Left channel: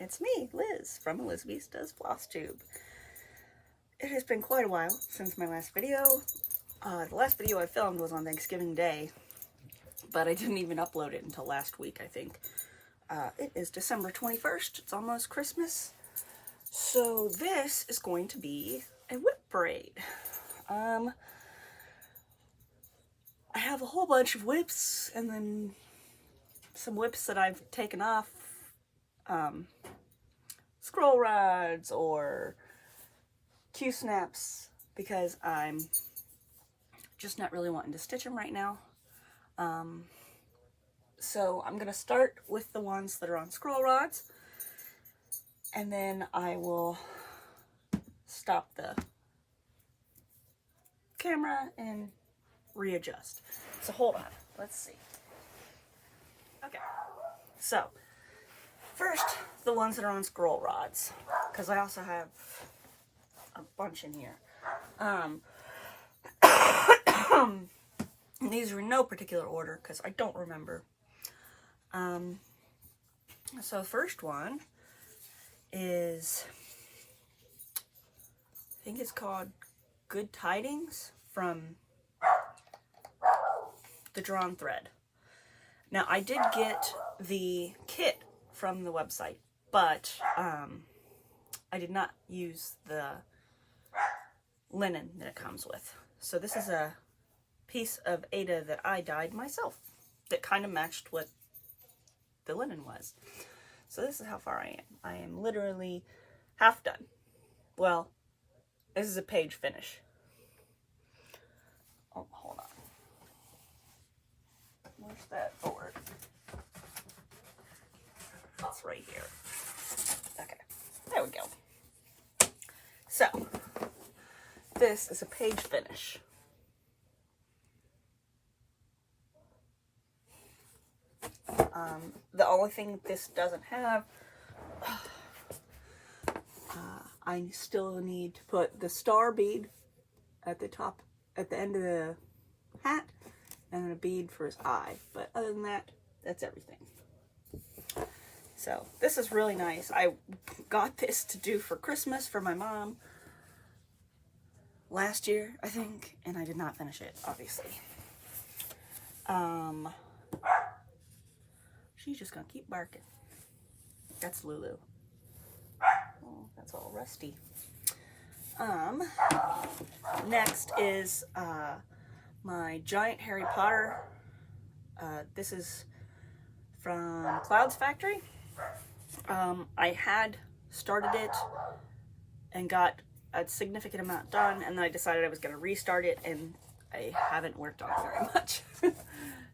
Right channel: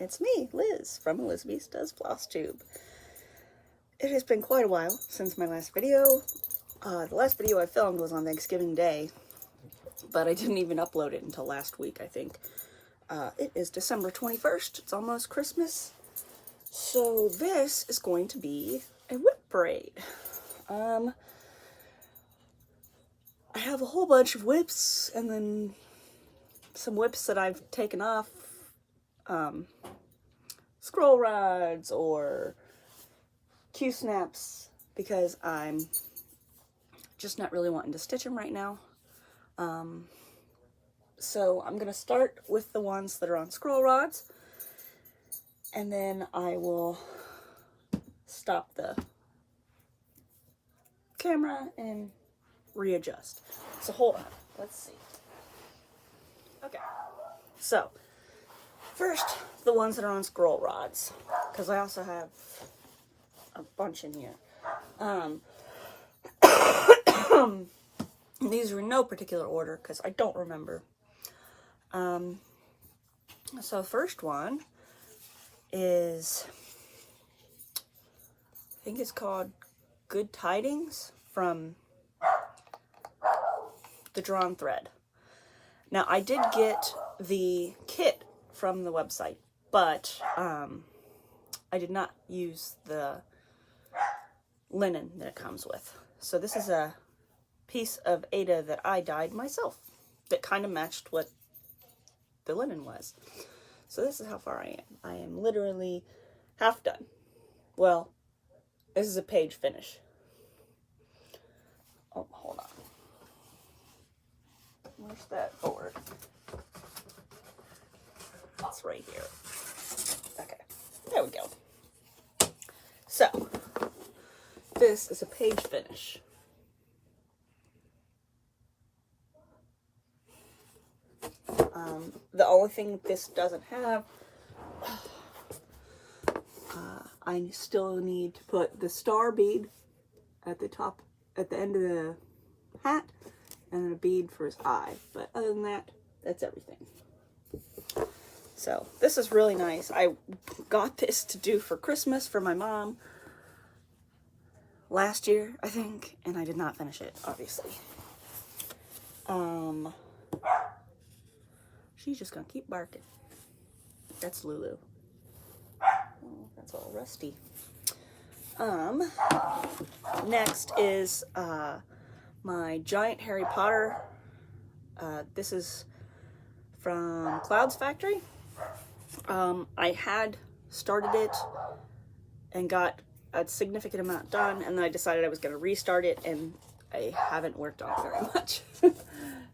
It's me, Liz, from Elizabeth Does FlossTube. It has been quite a while since my last video. The last video I filmed was on Thanksgiving Day, but I didn't even upload it until last week, I think. It is December 21st. It's almost Christmas. So this is going to be a WIP parade. I have a whole bunch of WIPs and then some WIPs that I've taken off. Scroll rods or Q-snaps because I'm just not really wanting to stitch them right now. So I'm going to start with the ones that are on scroll rods, and then I will stop the camera and readjust. So hold on, let's see. Okay, so first, the ones that are on scroll rods, because I also have a bunch in here. These are in no particular order, because I don't remember. So first one is, I think it's called Good Tidings from the Drawn Thread. Now, I did get the kit from the website, but I did not use the linen that it comes with. So this is a piece of Aida that I dyed myself that kind of matched what the linen was. So this is how far I am. I am literally half done. Well, this is a page finish. Oh, hold on. Where's that board? It's right here. Okay, there we go. So, this is a page finish. The only thing this doesn't have, I still need to put the star bead at the top, at the end of the hat, and then a bead for his eye. But other than that, that's everything. So this is really nice. I got this to do for Christmas for my mom last year, I think, and I did not finish it, obviously. She's just gonna keep barking. That's Lulu. Oh, that's all rusty. Next is my giant Harry Potter. This is from Cloud's Factory. I had started it and got a significant amount done, and then I decided I was going to restart it, and I haven't worked on it very much.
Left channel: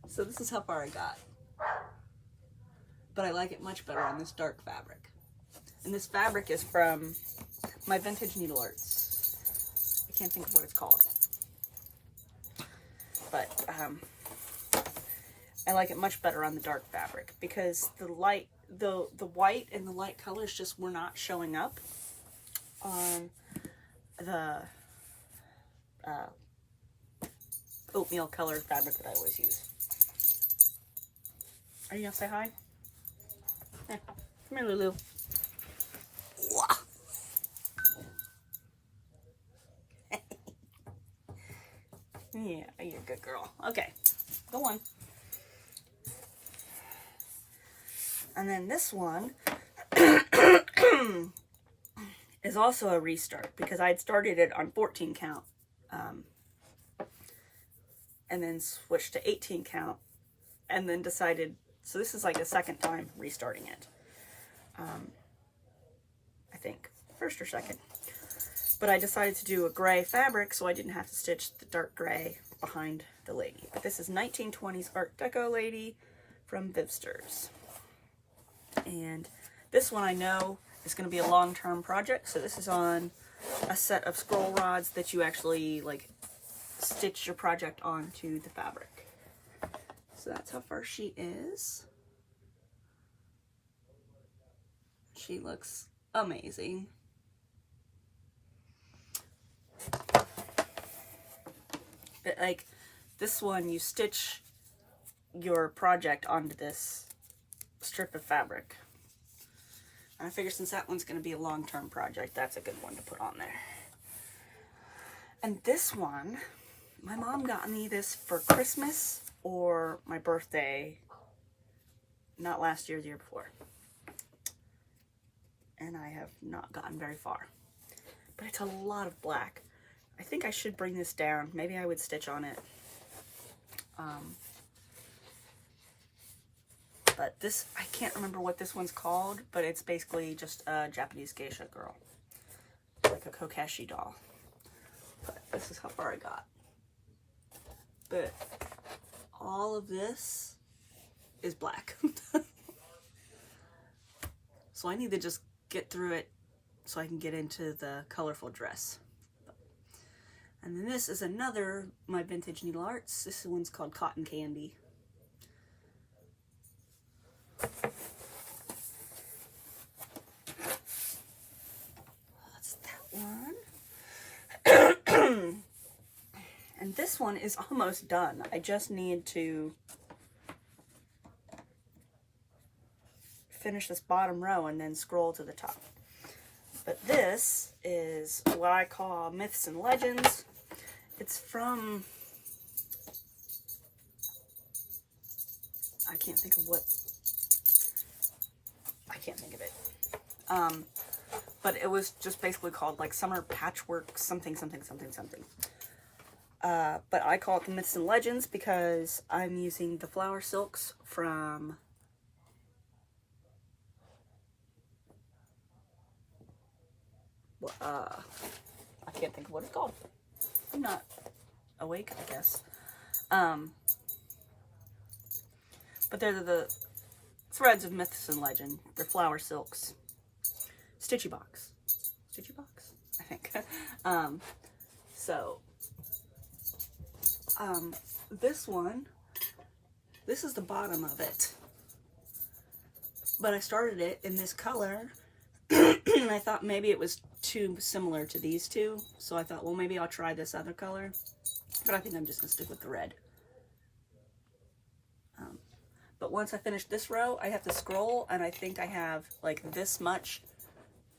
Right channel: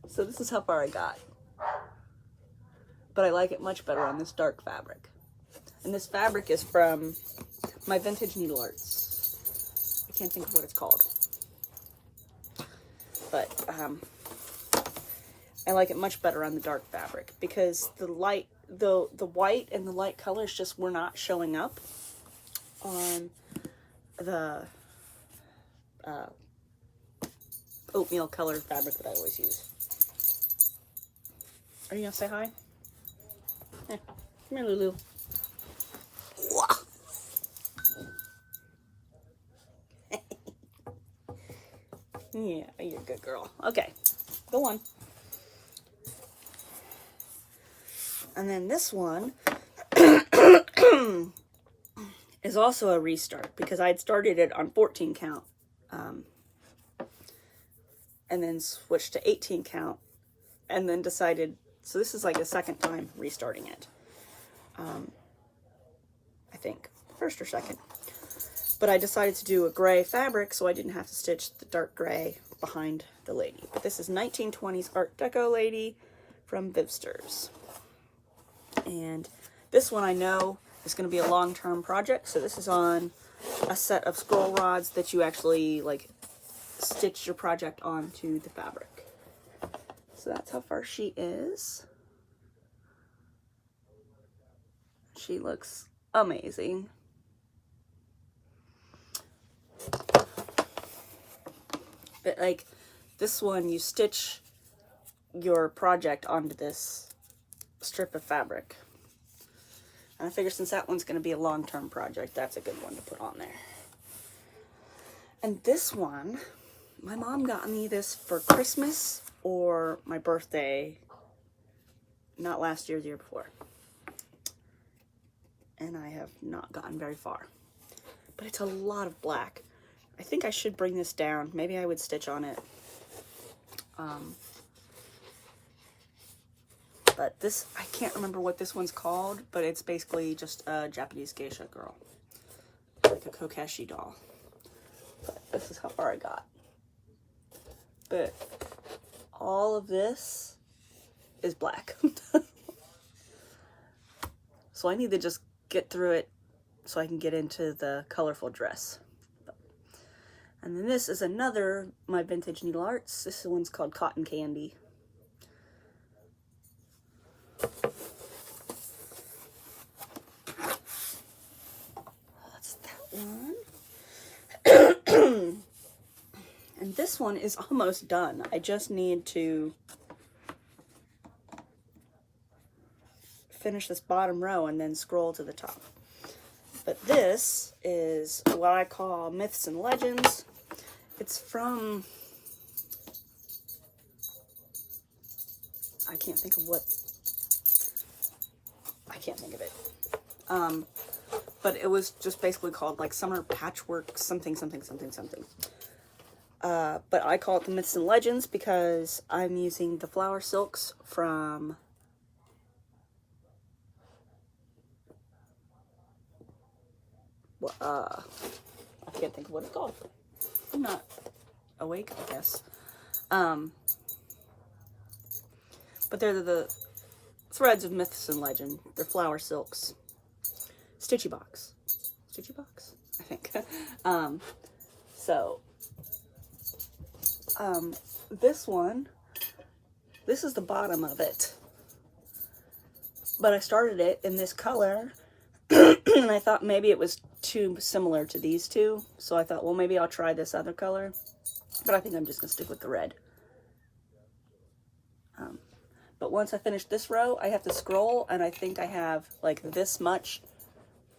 So this is how far I got. But I like it much better on this dark fabric. And this fabric is from my Vintage Needle Arts. I can't think of what it's called. But I like it much better on the dark fabric because the light, the white and the light colors just were not showing up on the oatmeal colored fabric that I always use. Are you gonna say hi? Yeah. Come here, Lulu. Yeah, you're a good girl. Okay, go on. And then this one is also a restart because I'd started it on 14 count and then switched to 18 count and then decided, so this is like a second time restarting it. I think first or second. But I decided to do a gray fabric so I didn't have to stitch the dark gray behind the lady. But this is 1920s Art Deco lady from Vivsters. And this one I know is going to be a long-term project. So this is on a set of scroll rods that you actually like stitch your project onto the fabric. So that's how far she is. She looks amazing. But like this one, you stitch your project onto this strip of fabric. And I figure since that one's going to be a long-term project, that's a good one to put on there. And this one, my mom got me this for Christmas or my birthday, not last year, the year before. And I have not gotten very far. But it's a lot of black. I think I should bring this down. Maybe I would stitch on it. But this, I can't remember what this one's called, but it's basically just a Japanese geisha girl. Like a Kokeshi doll. But this is how far I got. But all of this is black. So I need to just get through it so I can get into the colorful dress. And then this is another, my vintage needle arts. This one's called Cotton Candy. That's that one. And this one is almost done. I just need to finish this bottom row and then scroll to the top. But this is what I call Myths and Legends. It's from, I can't think of it. But it was just basically called like Summer Patchwork something. But I call it the Myths and Legends because I'm using the flower silks from I can't think of what it's called. I'm not awake, I guess. But they're the threads of Myths and Legend. They're flower silks. Stitchy box, I think. This one, this is the bottom of it. But I started it in this color, and I thought maybe it was too similar to these two. So I thought, well, maybe I'll try this other color. But I think I'm just going to stick with the red. But once I finish this row, I have to scroll, and I think I have like this much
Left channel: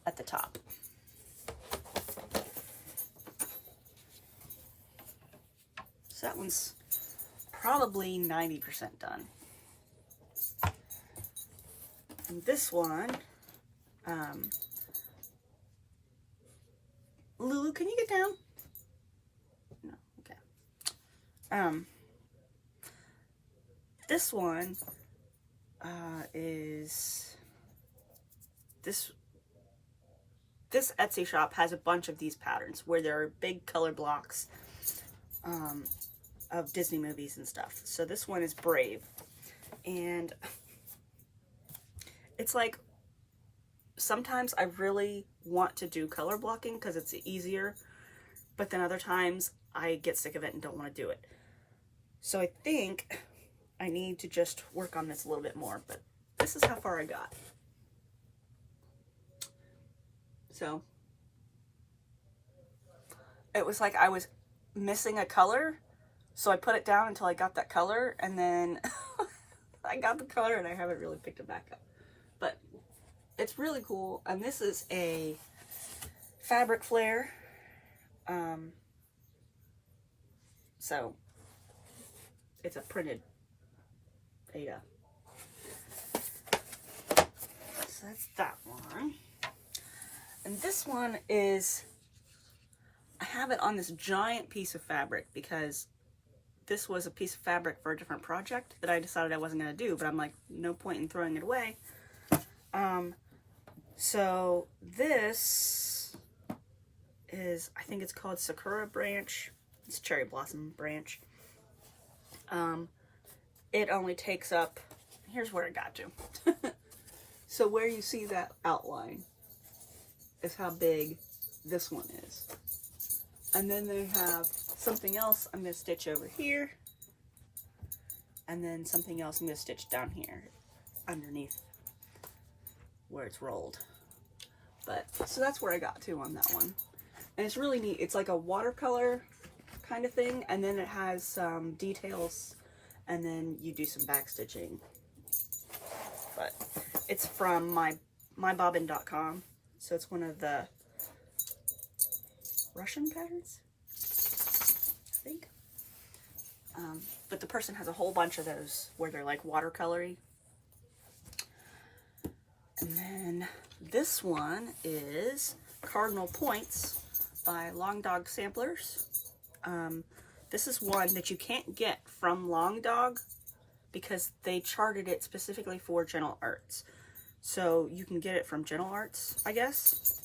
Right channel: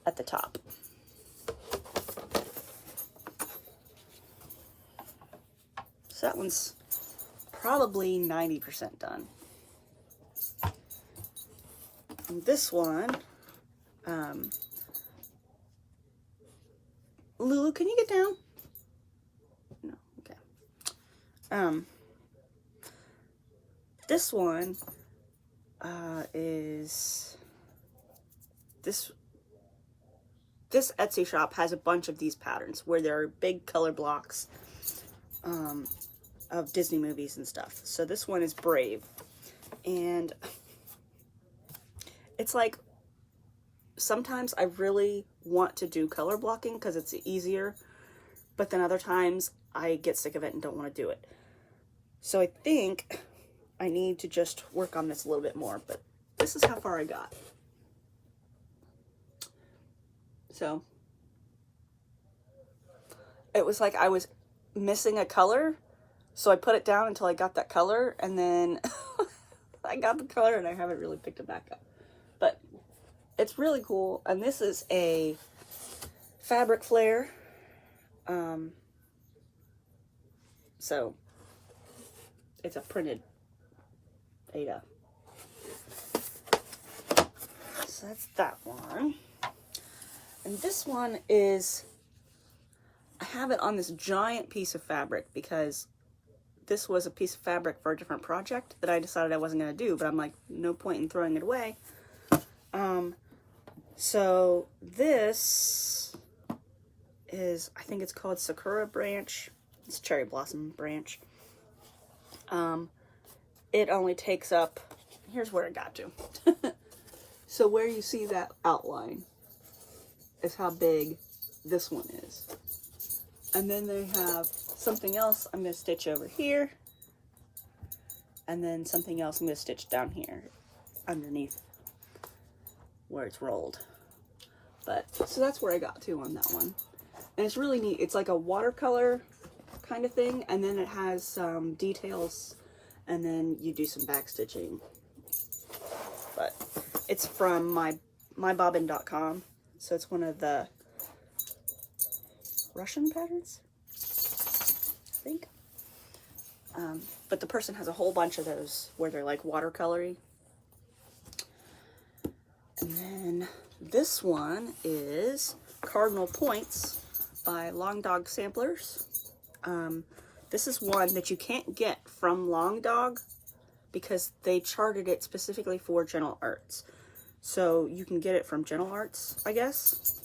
at the top. So that one's probably 90% done. And this one, Lulu, can you get down? No, okay. This one is this Etsy shop has a bunch of these patterns where there are big color blocks of Disney movies and stuff. So this one is Brave, and it's like sometimes I really want to do color blocking because it's easier, but then other times I get sick of it and don't want to do it. So I think I need to just work on this a little bit more, but this is how far I got. So it was like I was missing a color, so I put it down until I got that color, and then I got the color and I haven't really picked it back up. But it's really cool, and this is a fabric flare. So it's a printed Ada. So that's that one. And this one is, I have it on this giant piece of fabric because this was a piece of fabric for a different project that I decided I wasn't going to do, but I'm like, no point in throwing it away. So this is, I think it's called Sakura Branch. It's Cherry Blossom Branch. It only takes up, here's where it got to. So where you see that outline is how big this one is. And then they have something else I'm going to stitch over here. And then something else I'm going to stitch down here underneath where it's rolled. But so that's where I got to on that one. And it's really neat. It's like a watercolor kind of thing, and then it has some details, and then you do some back stitching. But it's from my mybobbin.com. So it's one of the Russian patterns, I think. But the person has a whole bunch of those where they're like watercolory. And then this one is Cardinal Points by Long Dog Samplers. This is one that you can't get from Long Dog because they charted it specifically for Gentle Arts. So you can get it from Gentle Arts, I guess.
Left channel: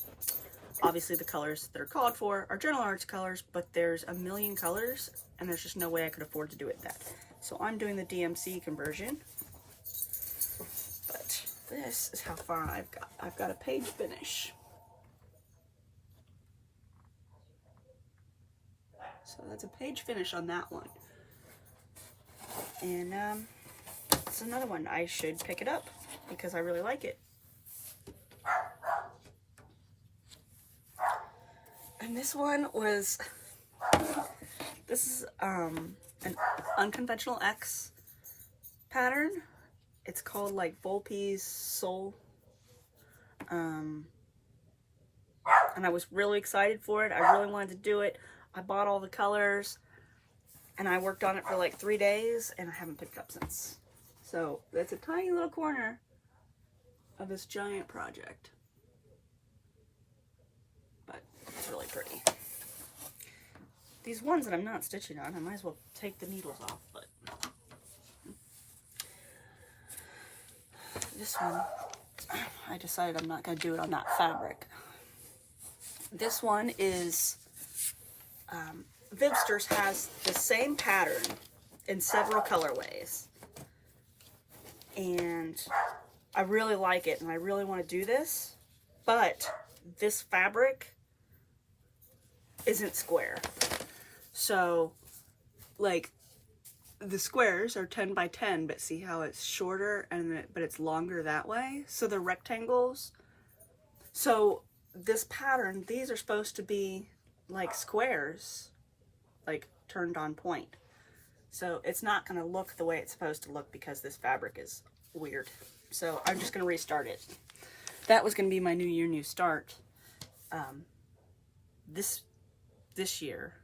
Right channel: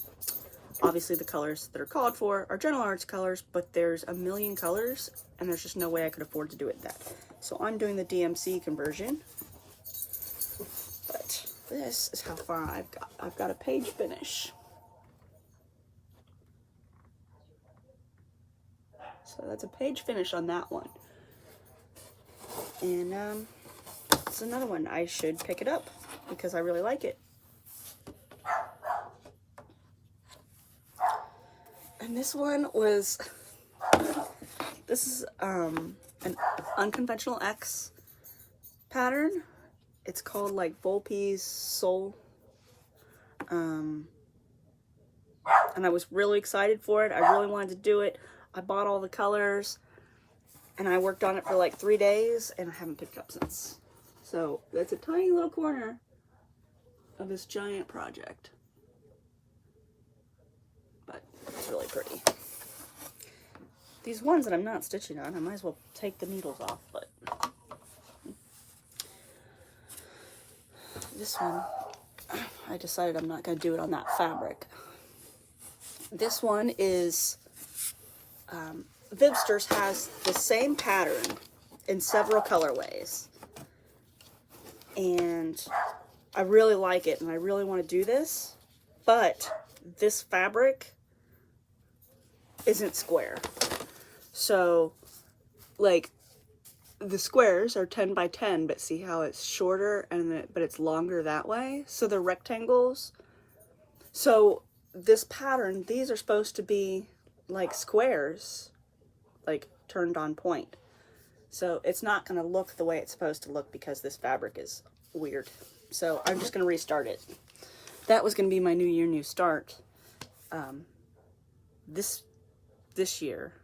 Obviously the colors that are called for are Gentle Arts colors, but there's a million colors and there's just no way I could afford to do it that. So I'm doing the DMC conversion. But this is how far I've got. I've got a page finish. So that's a page finish on that one. And it's another one. I should pick it up because I really like it. And this one was, this is an Unconventional X pattern. It's called like Volpe's Soul. And I was really excited for it. I really wanted to do it. I bought all the colors and I worked on it for like 3 days and I haven't picked it up since. So that's a tiny little corner of this giant project. But it's really pretty. These ones that I'm not stitching on, I might as well take the needles off, but this one, I decided I'm not going to do it on that fabric. This one is, Vibsters has the same pattern in several colorways. And I really like it and I really want to do this, but this fabric isn't square. So, like, the squares are 10 by 10, but see how it's shorter but it's longer that way? So they're rectangles. So this pattern, these are supposed to be like squares, like turned on point. So it's not going to look the way it's supposed to look because this fabric is weird. So I'm just going to restart it. That was going to be my New Year, New Start this year.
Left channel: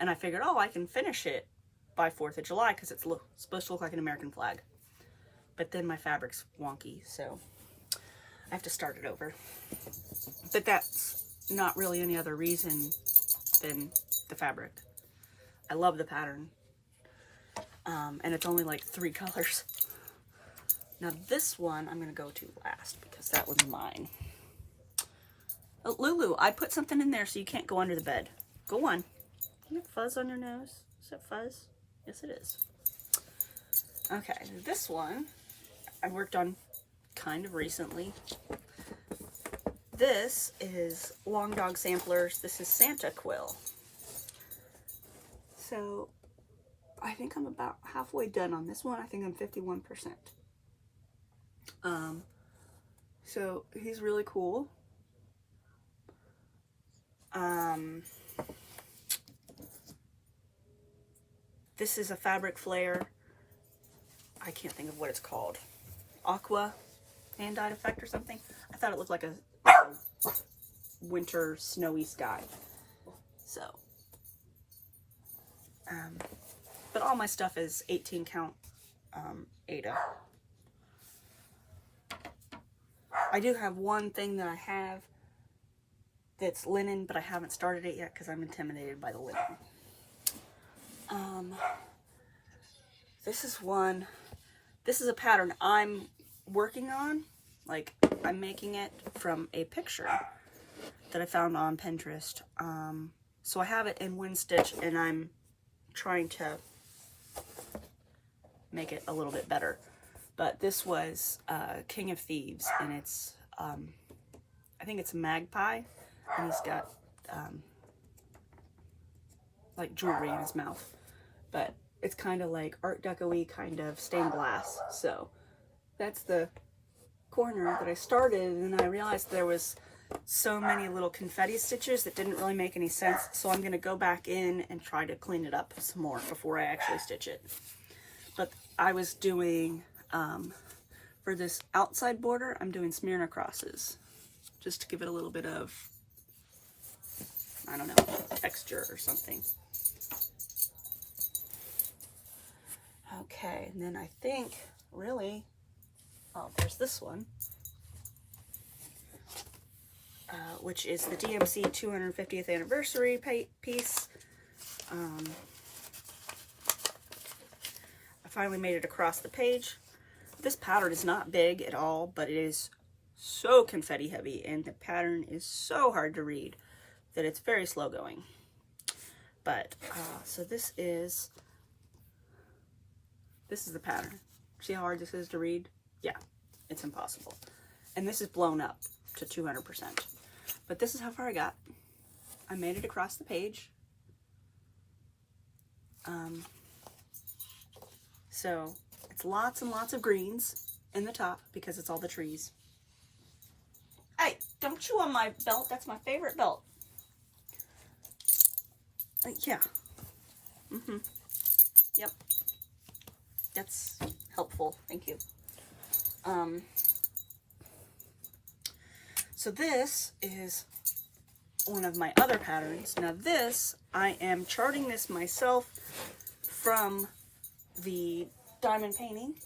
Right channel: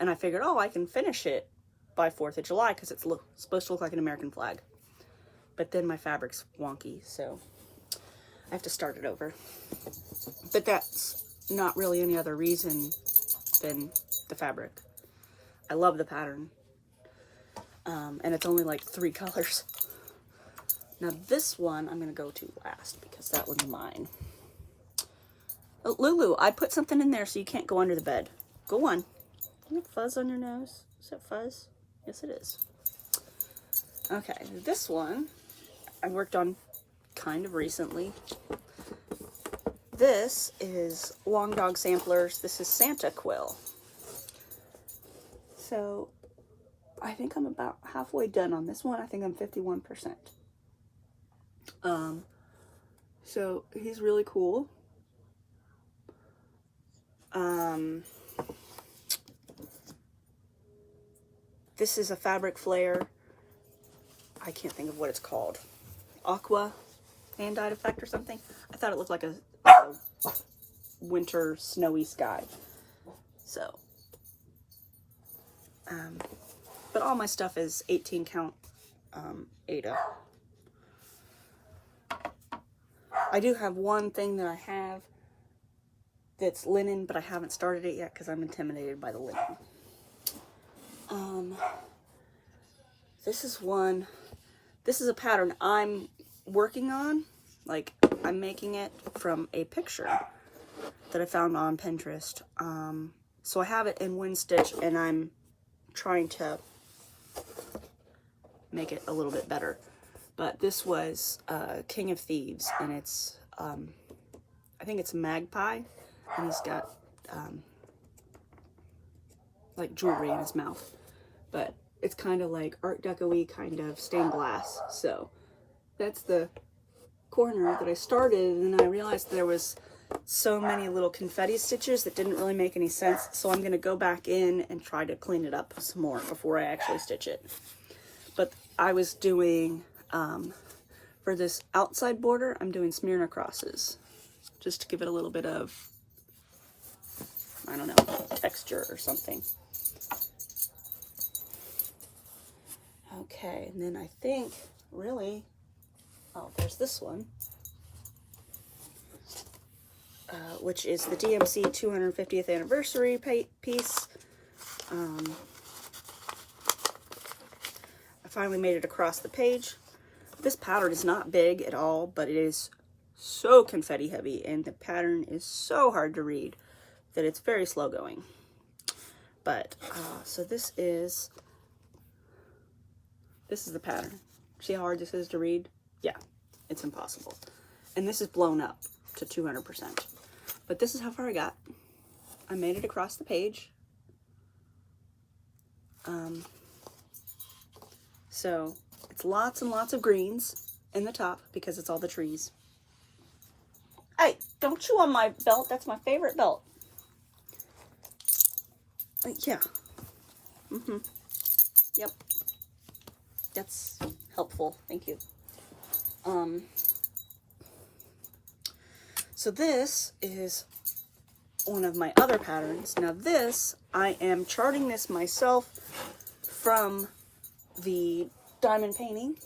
And I figured, oh, I can finish it by 4th of July because it's supposed to look like an American flag. But then my fabric's wonky, so I have to start it over. But that's not really any other reason than the fabric. I love the pattern. And it's only like 3 colors. Now this one I'm going to go to last because that one's mine. Oh, Lulu, I put something in there so you can't go under the bed. Go on. You have fuzz on your nose? Is that fuzz? Yes, it is. Okay, this one I worked on kind of recently. This is Long Dog Samplers. This is Santa Quill. So I think I'm about halfway done on this one. I think I'm 51%. So he's really cool. This is a fabric flare. I can't think of what it's called. Aqua hand-dyed effect or something. I thought it looked like a winter snowy sky. So, but all my stuff is 18 count Aida. I do have one thing that I have that's linen, but I haven't started it yet because I'm intimidated by the linen. This is one, this is a pattern I'm working on. Like, I'm making it from a picture that I found on Pinterest. So I have it in wind stitch and I'm trying to make it a little bit better. But this was King of Thieves, and it's, I think it's a magpie, and he's got like jewelry in his mouth. But it's kind of like Art Deco-y kind of stained glass. So that's the corner that I started, and I realized there was so many little confetti stitches that didn't really make any sense. So I'm going to go back in and try to clean it up some more before I actually stitch it. But I was doing, for For this outside border, I'm doing Smyrna crosses, just to give it a little bit of, I don't know, texture or something. Okay, and then I think, really, oh, there's this one, which is the DMC 250th anniversary piece. I finally made it across the page. This pattern is not big at all, but it is so confetti heavy, and the pattern is so hard to read that it's very slow going. But, so this is the pattern. See how hard this is to read? Yeah, it's impossible. And this is blown up to 200%. But this is how far I got. I made it across the page. So it's lots and lots of greens in the top because it's all the trees. Hey, don't chew on my belt. That's my favorite belt. Yeah. Yep. That's helpful. Thank you. So this is one of my other patterns. Now this, I am charting this myself from the diamond painting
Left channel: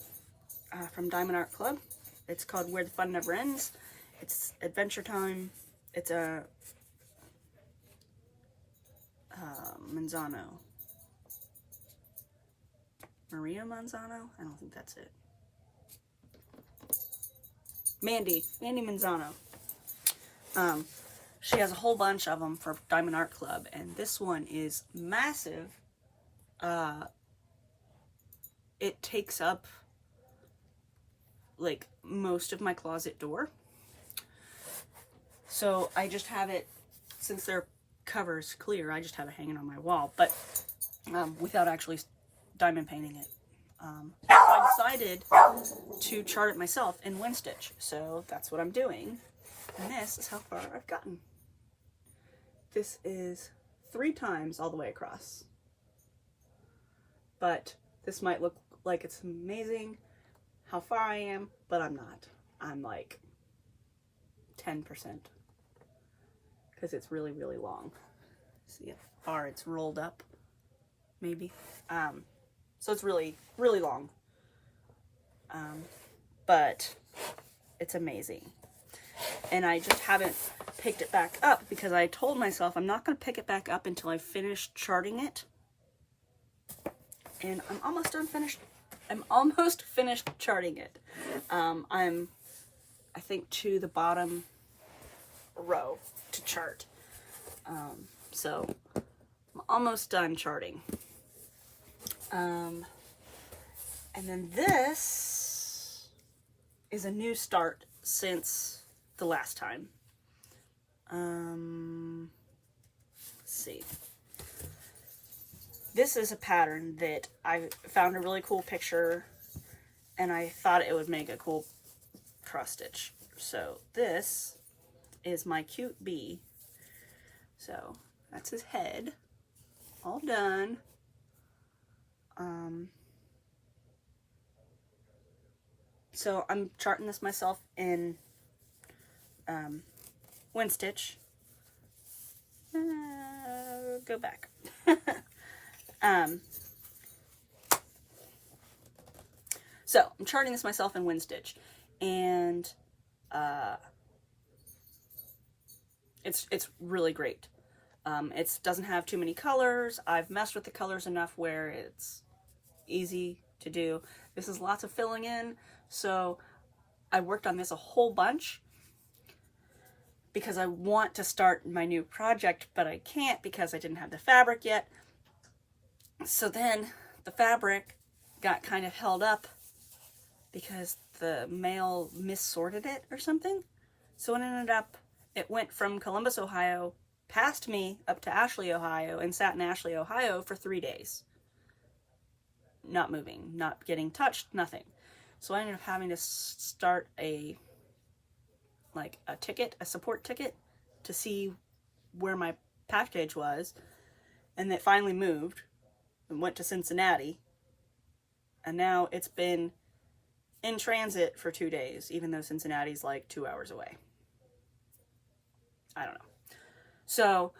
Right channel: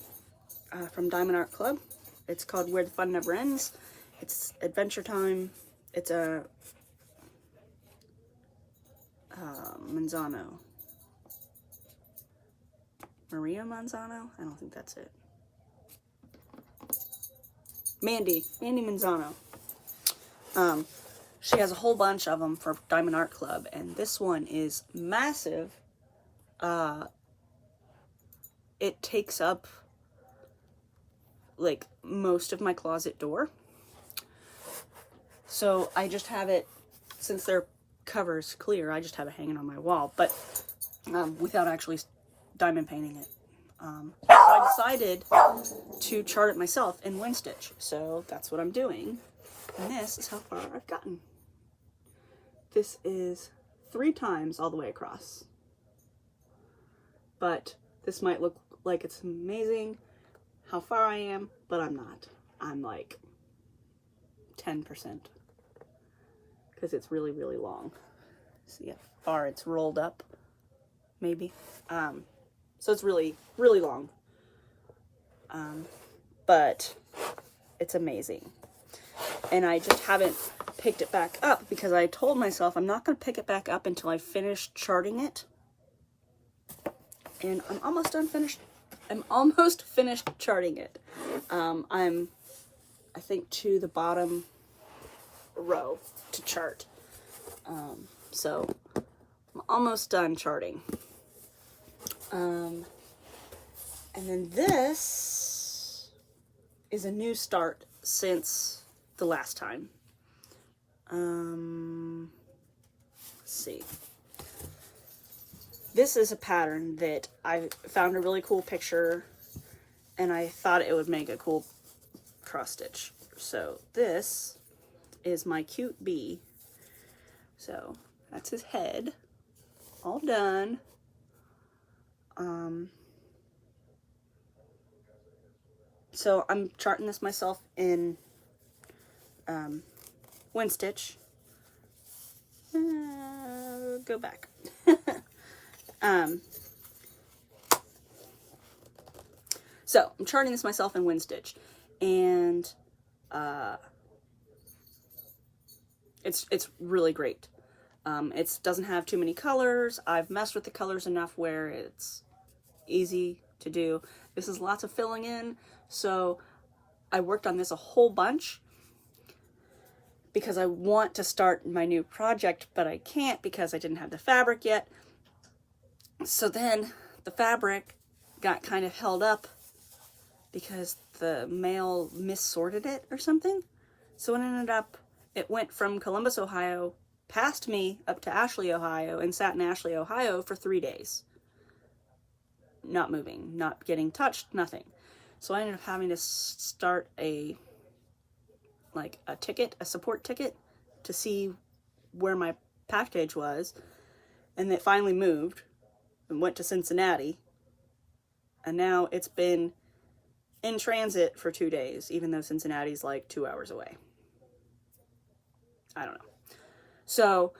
from Diamond Art Club. It's called Where the Fun Never Ends. It's Adventure Time. It's a Manzano. Maria Manzano? I don't think that's it. Mandy Manzano. She has a whole bunch of them for Diamond Art Club, and this one is massive. It takes up like most of my closet door. So I just have it, since their cover's clear, I just have it hanging on my wall, but without actually diamond painting it. So I decided to chart it myself in WinStitch. So that's what I'm doing. And this is how far I've gotten. This is 3 times all the way across. But this might look like it's amazing how far I am, but I'm not. I'm like 10%. Because it's really, really long. See how far it's rolled up? Maybe. So it's really, really long. But it's amazing. And I just haven't picked it back up because I told myself I'm not going to pick it back up until I finish charting it. And I'm almost done finished. I'm almost finished charting it. I'm, I think, to the bottom row to chart. So I'm almost done charting. And then this is a new start since the last time. Let's see. This is a pattern that I found a really cool picture, and I thought it would make a cool cross stitch. So this is my cute bee. So that's his head, all done. So I'm charting this myself in WinStitch. Go back. So I'm charting this myself in WinStitch, and it's really great. It doesn't have too many colors. I've messed with the colors enough where it's easy to do. This is lots of filling in, so I worked on this a whole bunch because I want to start my new project, but I can't because I didn't have the fabric yet. So then the fabric got kind of held up because the mail missorted it or something. So it ended up, it went from Columbus, Ohio, past me up to Ashley, Ohio, and sat in Ashley, Ohio for 3 days. Not moving, not getting touched, nothing. So I ended up having to start a support ticket to see where my package was. And it finally moved and went to Cincinnati. And now it's been in transit for 2 days, even though Cincinnati's like 2 hours away. I don't know. So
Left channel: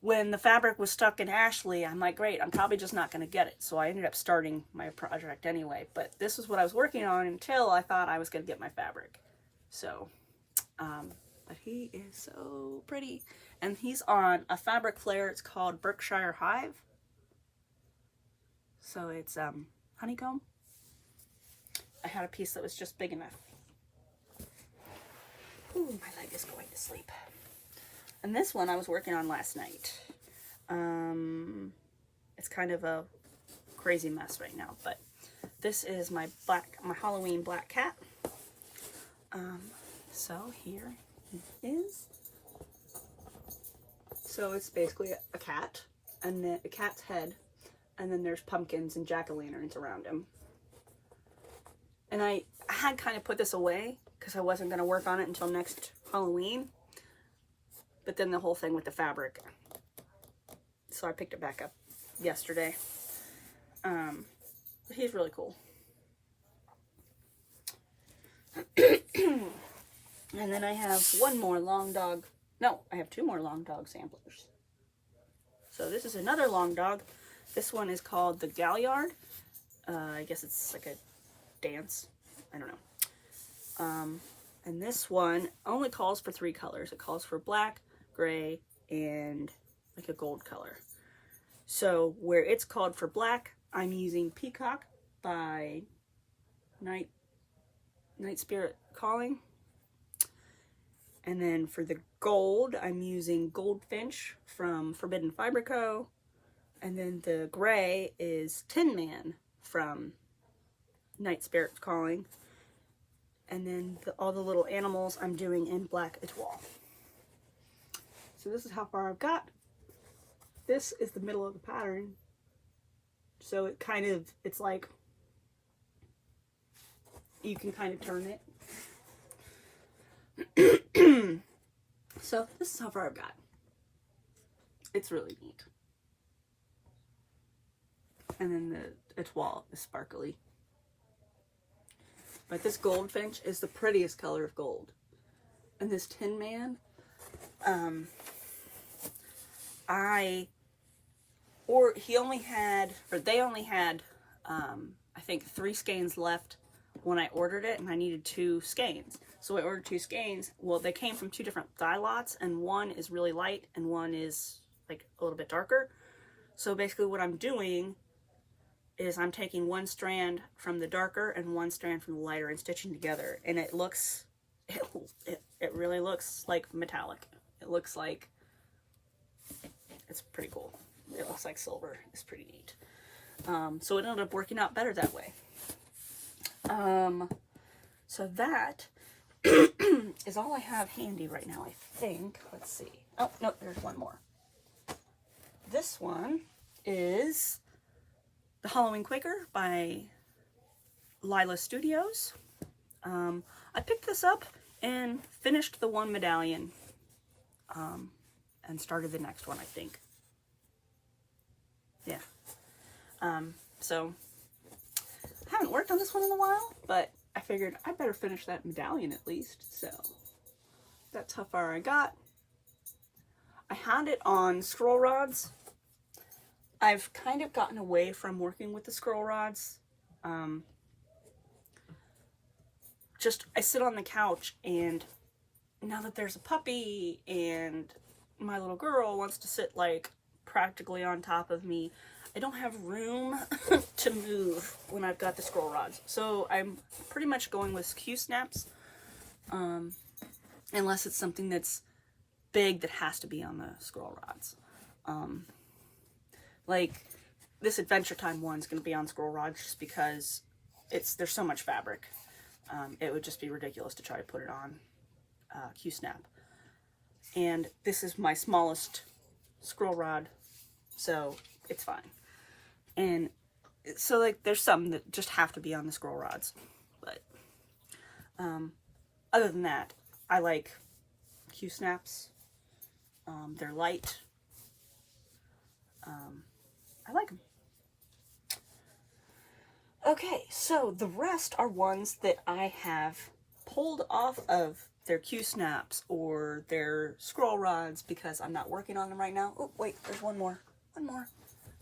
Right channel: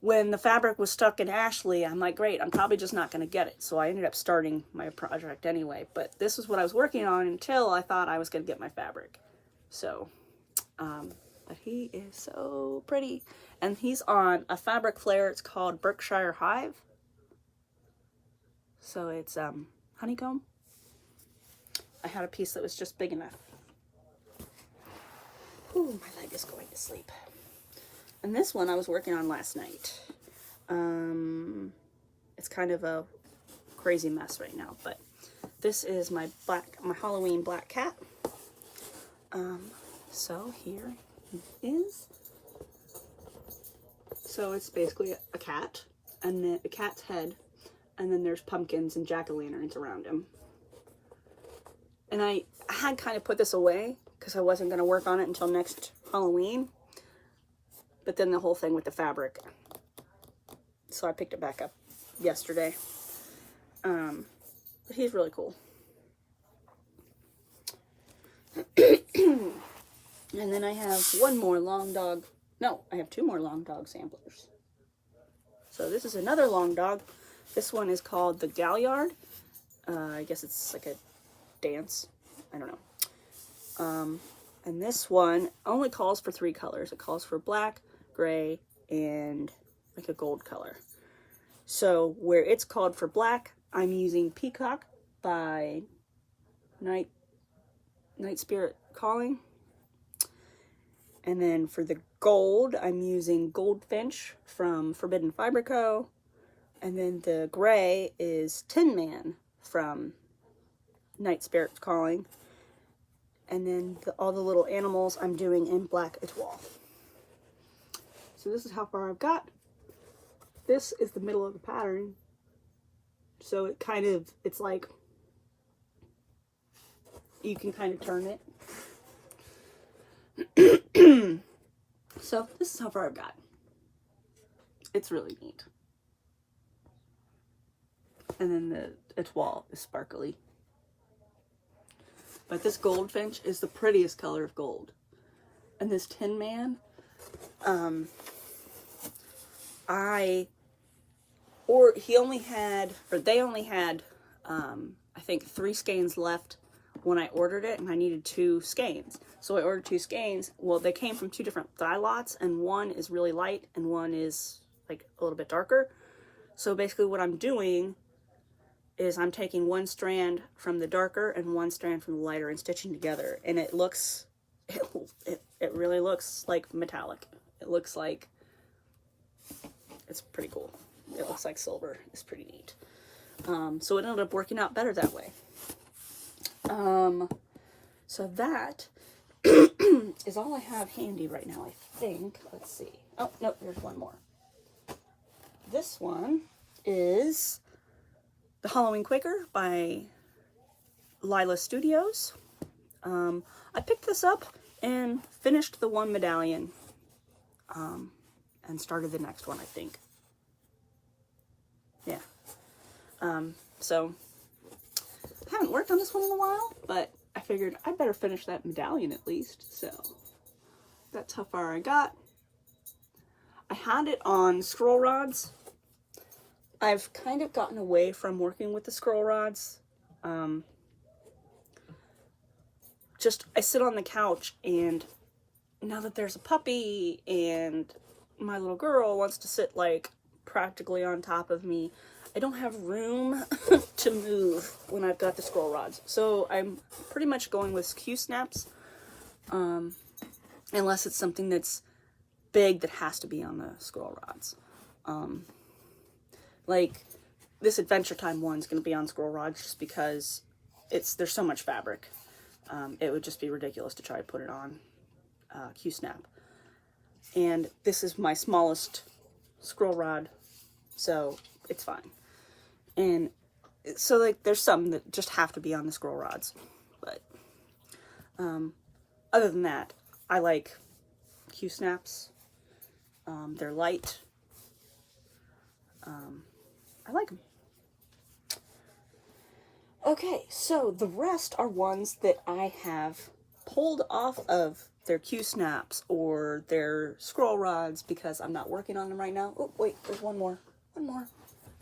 when the fabric was stuck in Ashley, I'm like, great, I'm probably just not going to get it. So I ended up starting my project anyway. But this is what I was working on until I thought I was going to get my fabric. So, but he is so pretty. And he's on a fabric flare. It's called Berkshire Hive. So it's honeycomb. I had a piece that was just big enough. Ooh, my leg is going to sleep. And this one I was working on last night. It's kind of a crazy mess right now, but this is my Halloween black cat. So here he is. So it's basically a cat, and then a cat's head, and then there's pumpkins and jack-o'-lanterns around him. And I had kind of put this away because I wasn't going to work on it until next Halloween. But then the whole thing with the fabric. So I picked it back up yesterday. But he's really cool. And then I have one more long dog. No, I have 2 more long dog samplers. So this is another long dog. This one is called the Galliard. I guess it's like a dance. I don't know. And this one only calls for 3 colors. It calls for black, gray, and like a gold color. So where it's called for black, I'm using Peacock by Night Spirit Calling. And then for the gold, I'm using Goldfinch from Forbidden Fiber Co. And then the gray is Tin Man from Night Spirit Calling. And then all the little animals I'm doing in black etoile. So this is how far I've got. This is the middle of the pattern. So it kind of, it's like, you can kind of turn it. So this is how far I've got. It's really neat. And then the etoile is sparkly. But this Goldfinch is the prettiest color of gold. And this Tin Man, they only had, I think 3 skeins left when I ordered it, and I needed 2 skeins. So I ordered 2 skeins. Well, they came from 2 different dye lots, and one is really light, and one is like a little bit darker. So basically what I'm doing is I'm taking 1 strand from the darker and 1 strand from the lighter and stitching together. And it looks, it really looks like metallic. It looks like, it's pretty cool. It looks like silver. It's pretty neat. So it ended up working out better that way. So that is all I have handy right now, I think. Let's see. Oh, no, there's one more. This one is the Halloween Quaker by Lila Studios. I picked this up and finished the 1 medallion and started the next one, I think. Yeah. So I haven't worked on this one in a while, but I figured I better finish that medallion at least. So that's how far I got. I had it on scroll rods. I've kind of gotten away from working with the scroll rods. I sit on the couch, and now that there's a puppy and my little girl wants to sit like practically on top of me, I don't have room to move when I've got the scroll rods. So I'm pretty much going with Q-snaps, unless it's something that's big that has to be on the scroll rods. Like this Adventure Time one's going to be on scroll rods just because there's so much fabric. It would just be ridiculous to try to put it on Q-snap. And this is my smallest scroll rod, so it's fine. And so like there's some that just have to be on the scroll rods, but other than that, I like Q-snaps. They're light. I like them. Okay, so the rest are ones that I have pulled off of their Q-snaps or their scroll rods because I'm not working on them right now. Oh, wait, there's one more. One more.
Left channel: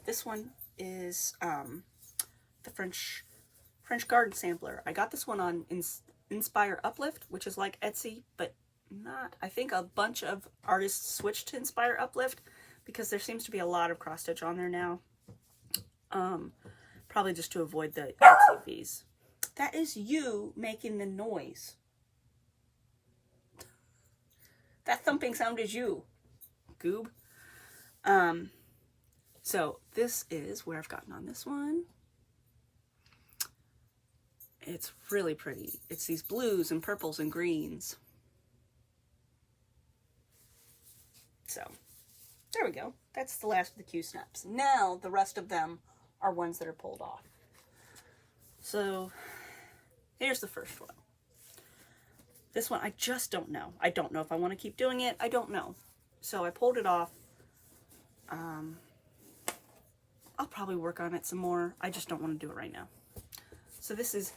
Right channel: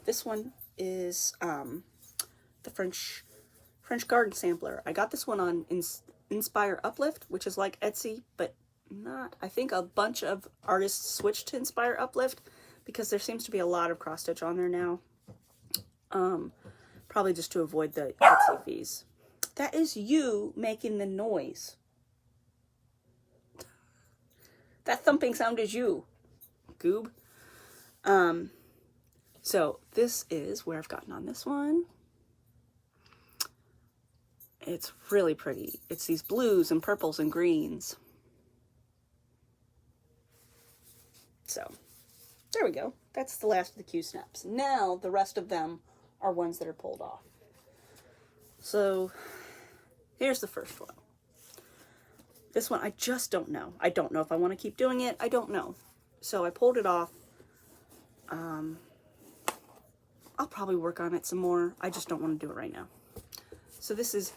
This one is the French garden sampler. I got this one on Inspire Uplift, which is like Etsy, but not. I think a bunch of artists switched to Inspire Uplift because there seems to be a lot of cross stitch on there now. Probably just to avoid the Etsy fees. That is you making the noise. That thumping sound is you, goob. So this is where I've gotten on this one. It's really pretty. It's these blues and purples and greens. So there we go. That's the last of the Q-snaps. Now the rest of them are ones that are pulled off. So here's the first one. This one, I just don't know. I don't know if I want to keep doing it. I don't know. So I pulled it off. I'll probably work on it some more. I just don't want to do it right now. So this is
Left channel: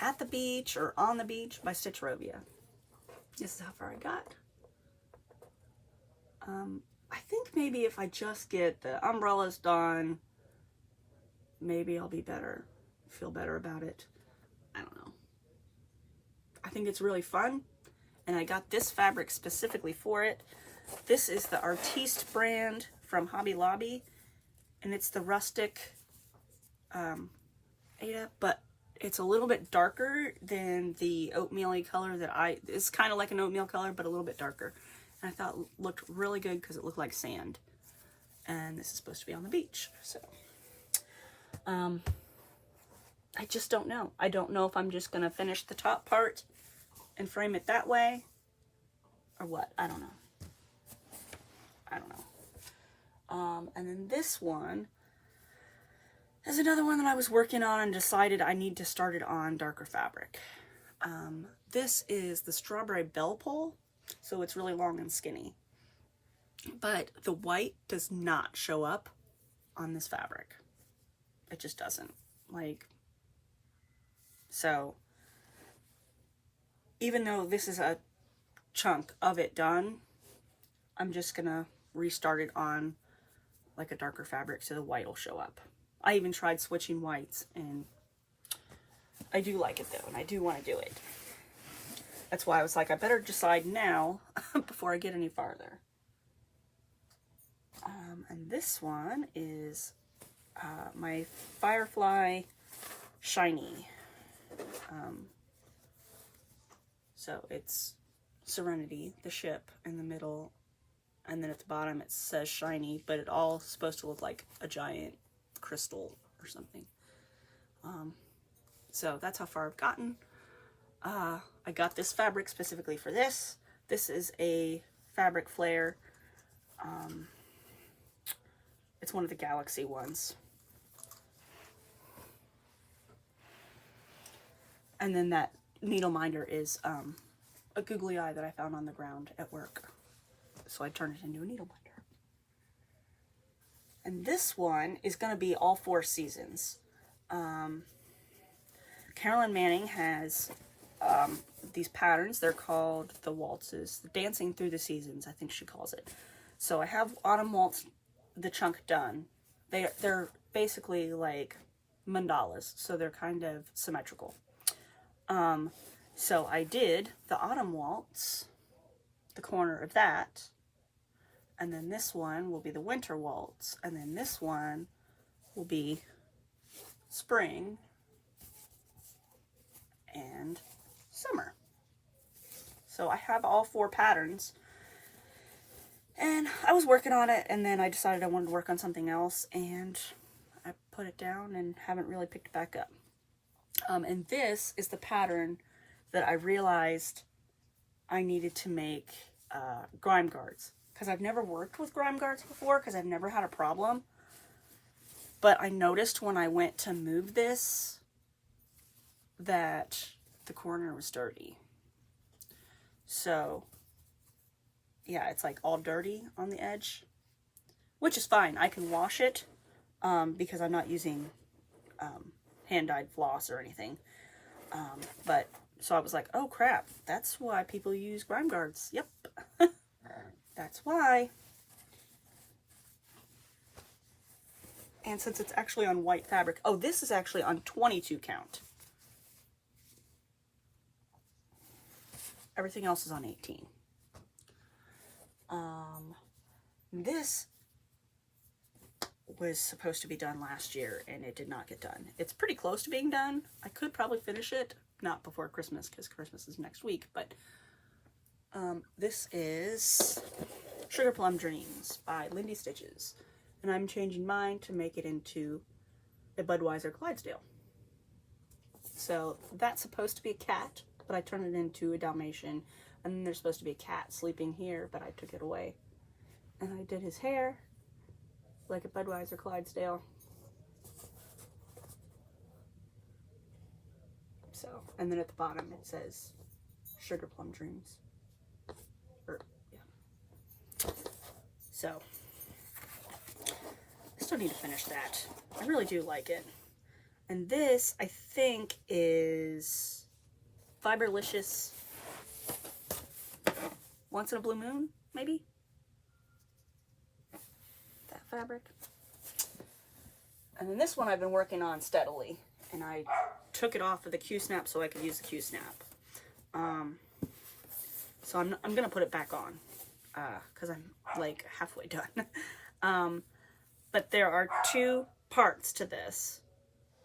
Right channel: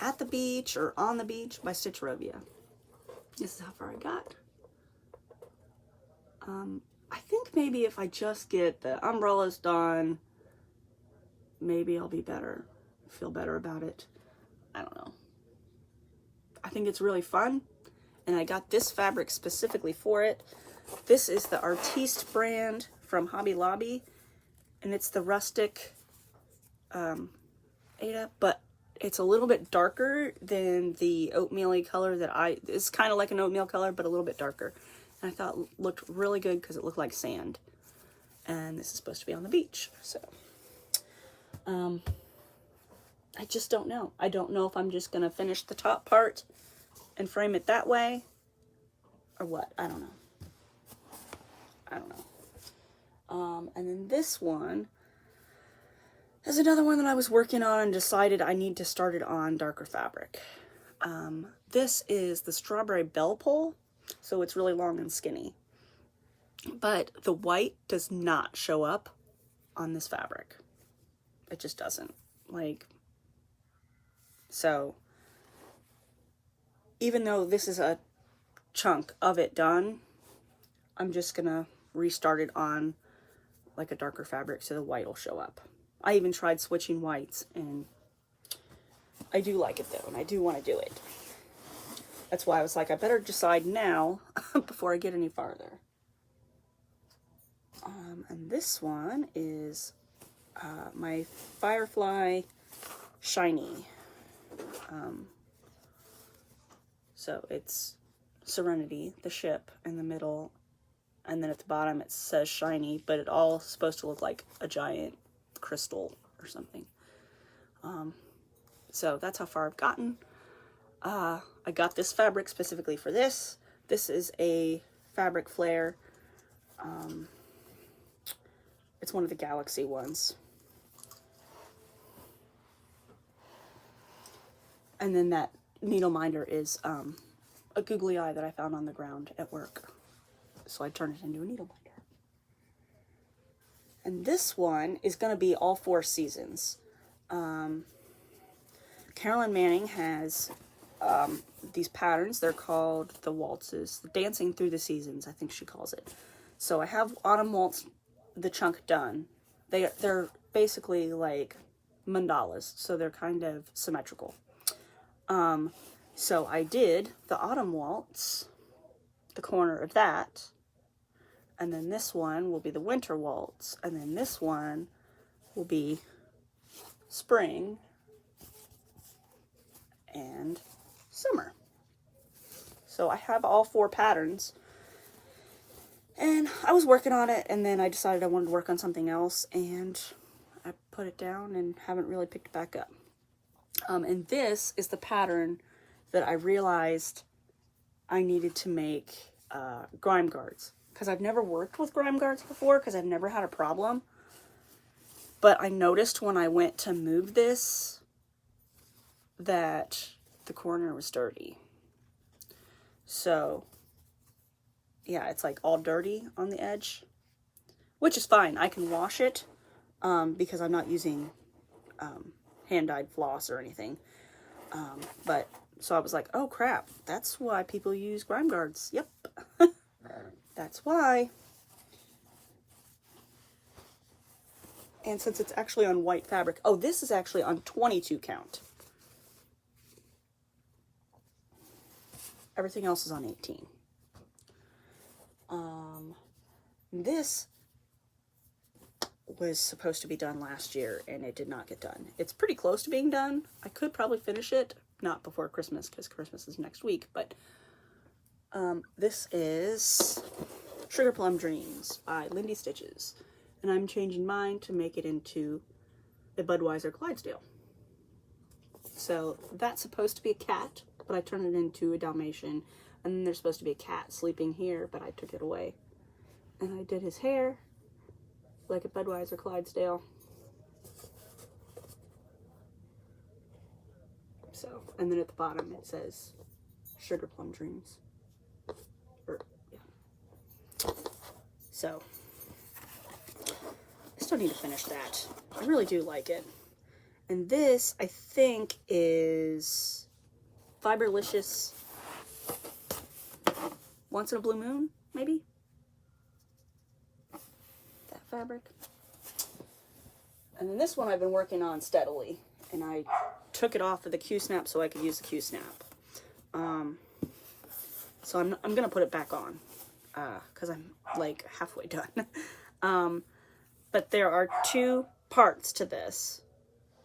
At the Beach or On the Beach by Stitcherovia. This is how far I got. I think maybe if I just get the umbrellas done, maybe I'll be better, feel better about it. I don't know. I think it's really fun, and I got this fabric specifically for it. This is the Artiste brand from Hobby Lobby, and it's the rustic Ada, but it's a little bit darker than the oatmeal-y color that it's kind of like an oatmeal color, but a little bit darker. And I thought it looked really good because it looked like sand. And this is supposed to be on the beach, so. I just don't know. I don't know if I'm just going to finish the top part and frame it that way or what. I don't know. And then this one is another one that I was working on and decided I need to start it on darker fabric. This is the Strawberry Bell Pull, so it's really long and skinny. But the white does not show up on this fabric. It just doesn't. Like, so even though this is a chunk of it done, I'm just gonna restart it on like a darker fabric so the white will show up. I even tried switching whites, and I do like it though, and I do want to do it. That's why I was like, I better decide now before I get any farther. And this one is my Firefly Shiny. So it's Serenity, the ship, in the middle, and then at the bottom it says Shiny, but it all supposed to look like a giant crystal or something. So that's how far I've gotten. I got this fabric specifically for this. This is a fabric flare. It's one of the Galaxy ones. And then that needle minder is a googly eye that I found on the ground at work. So I turned it into a needle minder. And this one is going to be all 4 seasons. Carolyn Manning has these patterns. They're called the waltzes, Dancing Through the Seasons, I think she calls it. So I have Autumn Waltz, the chunk done. They're basically like mandalas, so they're kind of symmetrical. So I did the Autumn Waltz, the corner of that, and then this one will be the Winter Waltz, and then this one will be Spring and Summer. So I have all 4 patterns, and I was working on it, and then I decided I wanted to work on something else, and I put it down and haven't really picked it back up. And this is the pattern that I realized I needed to make grime guards, because I've never worked with grime guards before, because I've never had a problem. But I noticed when I went to move this that the corner was dirty. So yeah, it's like all dirty on the edge, which is fine. I can wash it because I'm not using hand-dyed floss or anything. But so I was like, oh crap, that's why people use grime guards. Yep. That's why. And since it's actually on white fabric, oh, this is actually on 22 count. Everything else is on 18. This was supposed to be done last year and it did not get done. It's pretty close to being done. I could probably finish it, not before Christmas because Christmas is next week, but this is Sugar Plum Dreams by Lindy Stitches. And I'm changing mine to make it into a Budweiser Clydesdale. So that's supposed to be a cat, but I turned it into a Dalmatian. And then there's supposed to be a cat sleeping here, but I took it away. And I did his hair like a Budweiser Clydesdale. So, and then at the bottom it says Sugar Plum Dreams. Yeah. So, I still need to finish that. I really do like it. And this, I think, is Fiberlicious Once in a Blue Moon, maybe? That fabric. And then this one I've been working on steadily. And I took it off of the Q-snap so I could use the Q-snap. So I'm going to put it back on. Because I'm like halfway done. But there are two parts to this.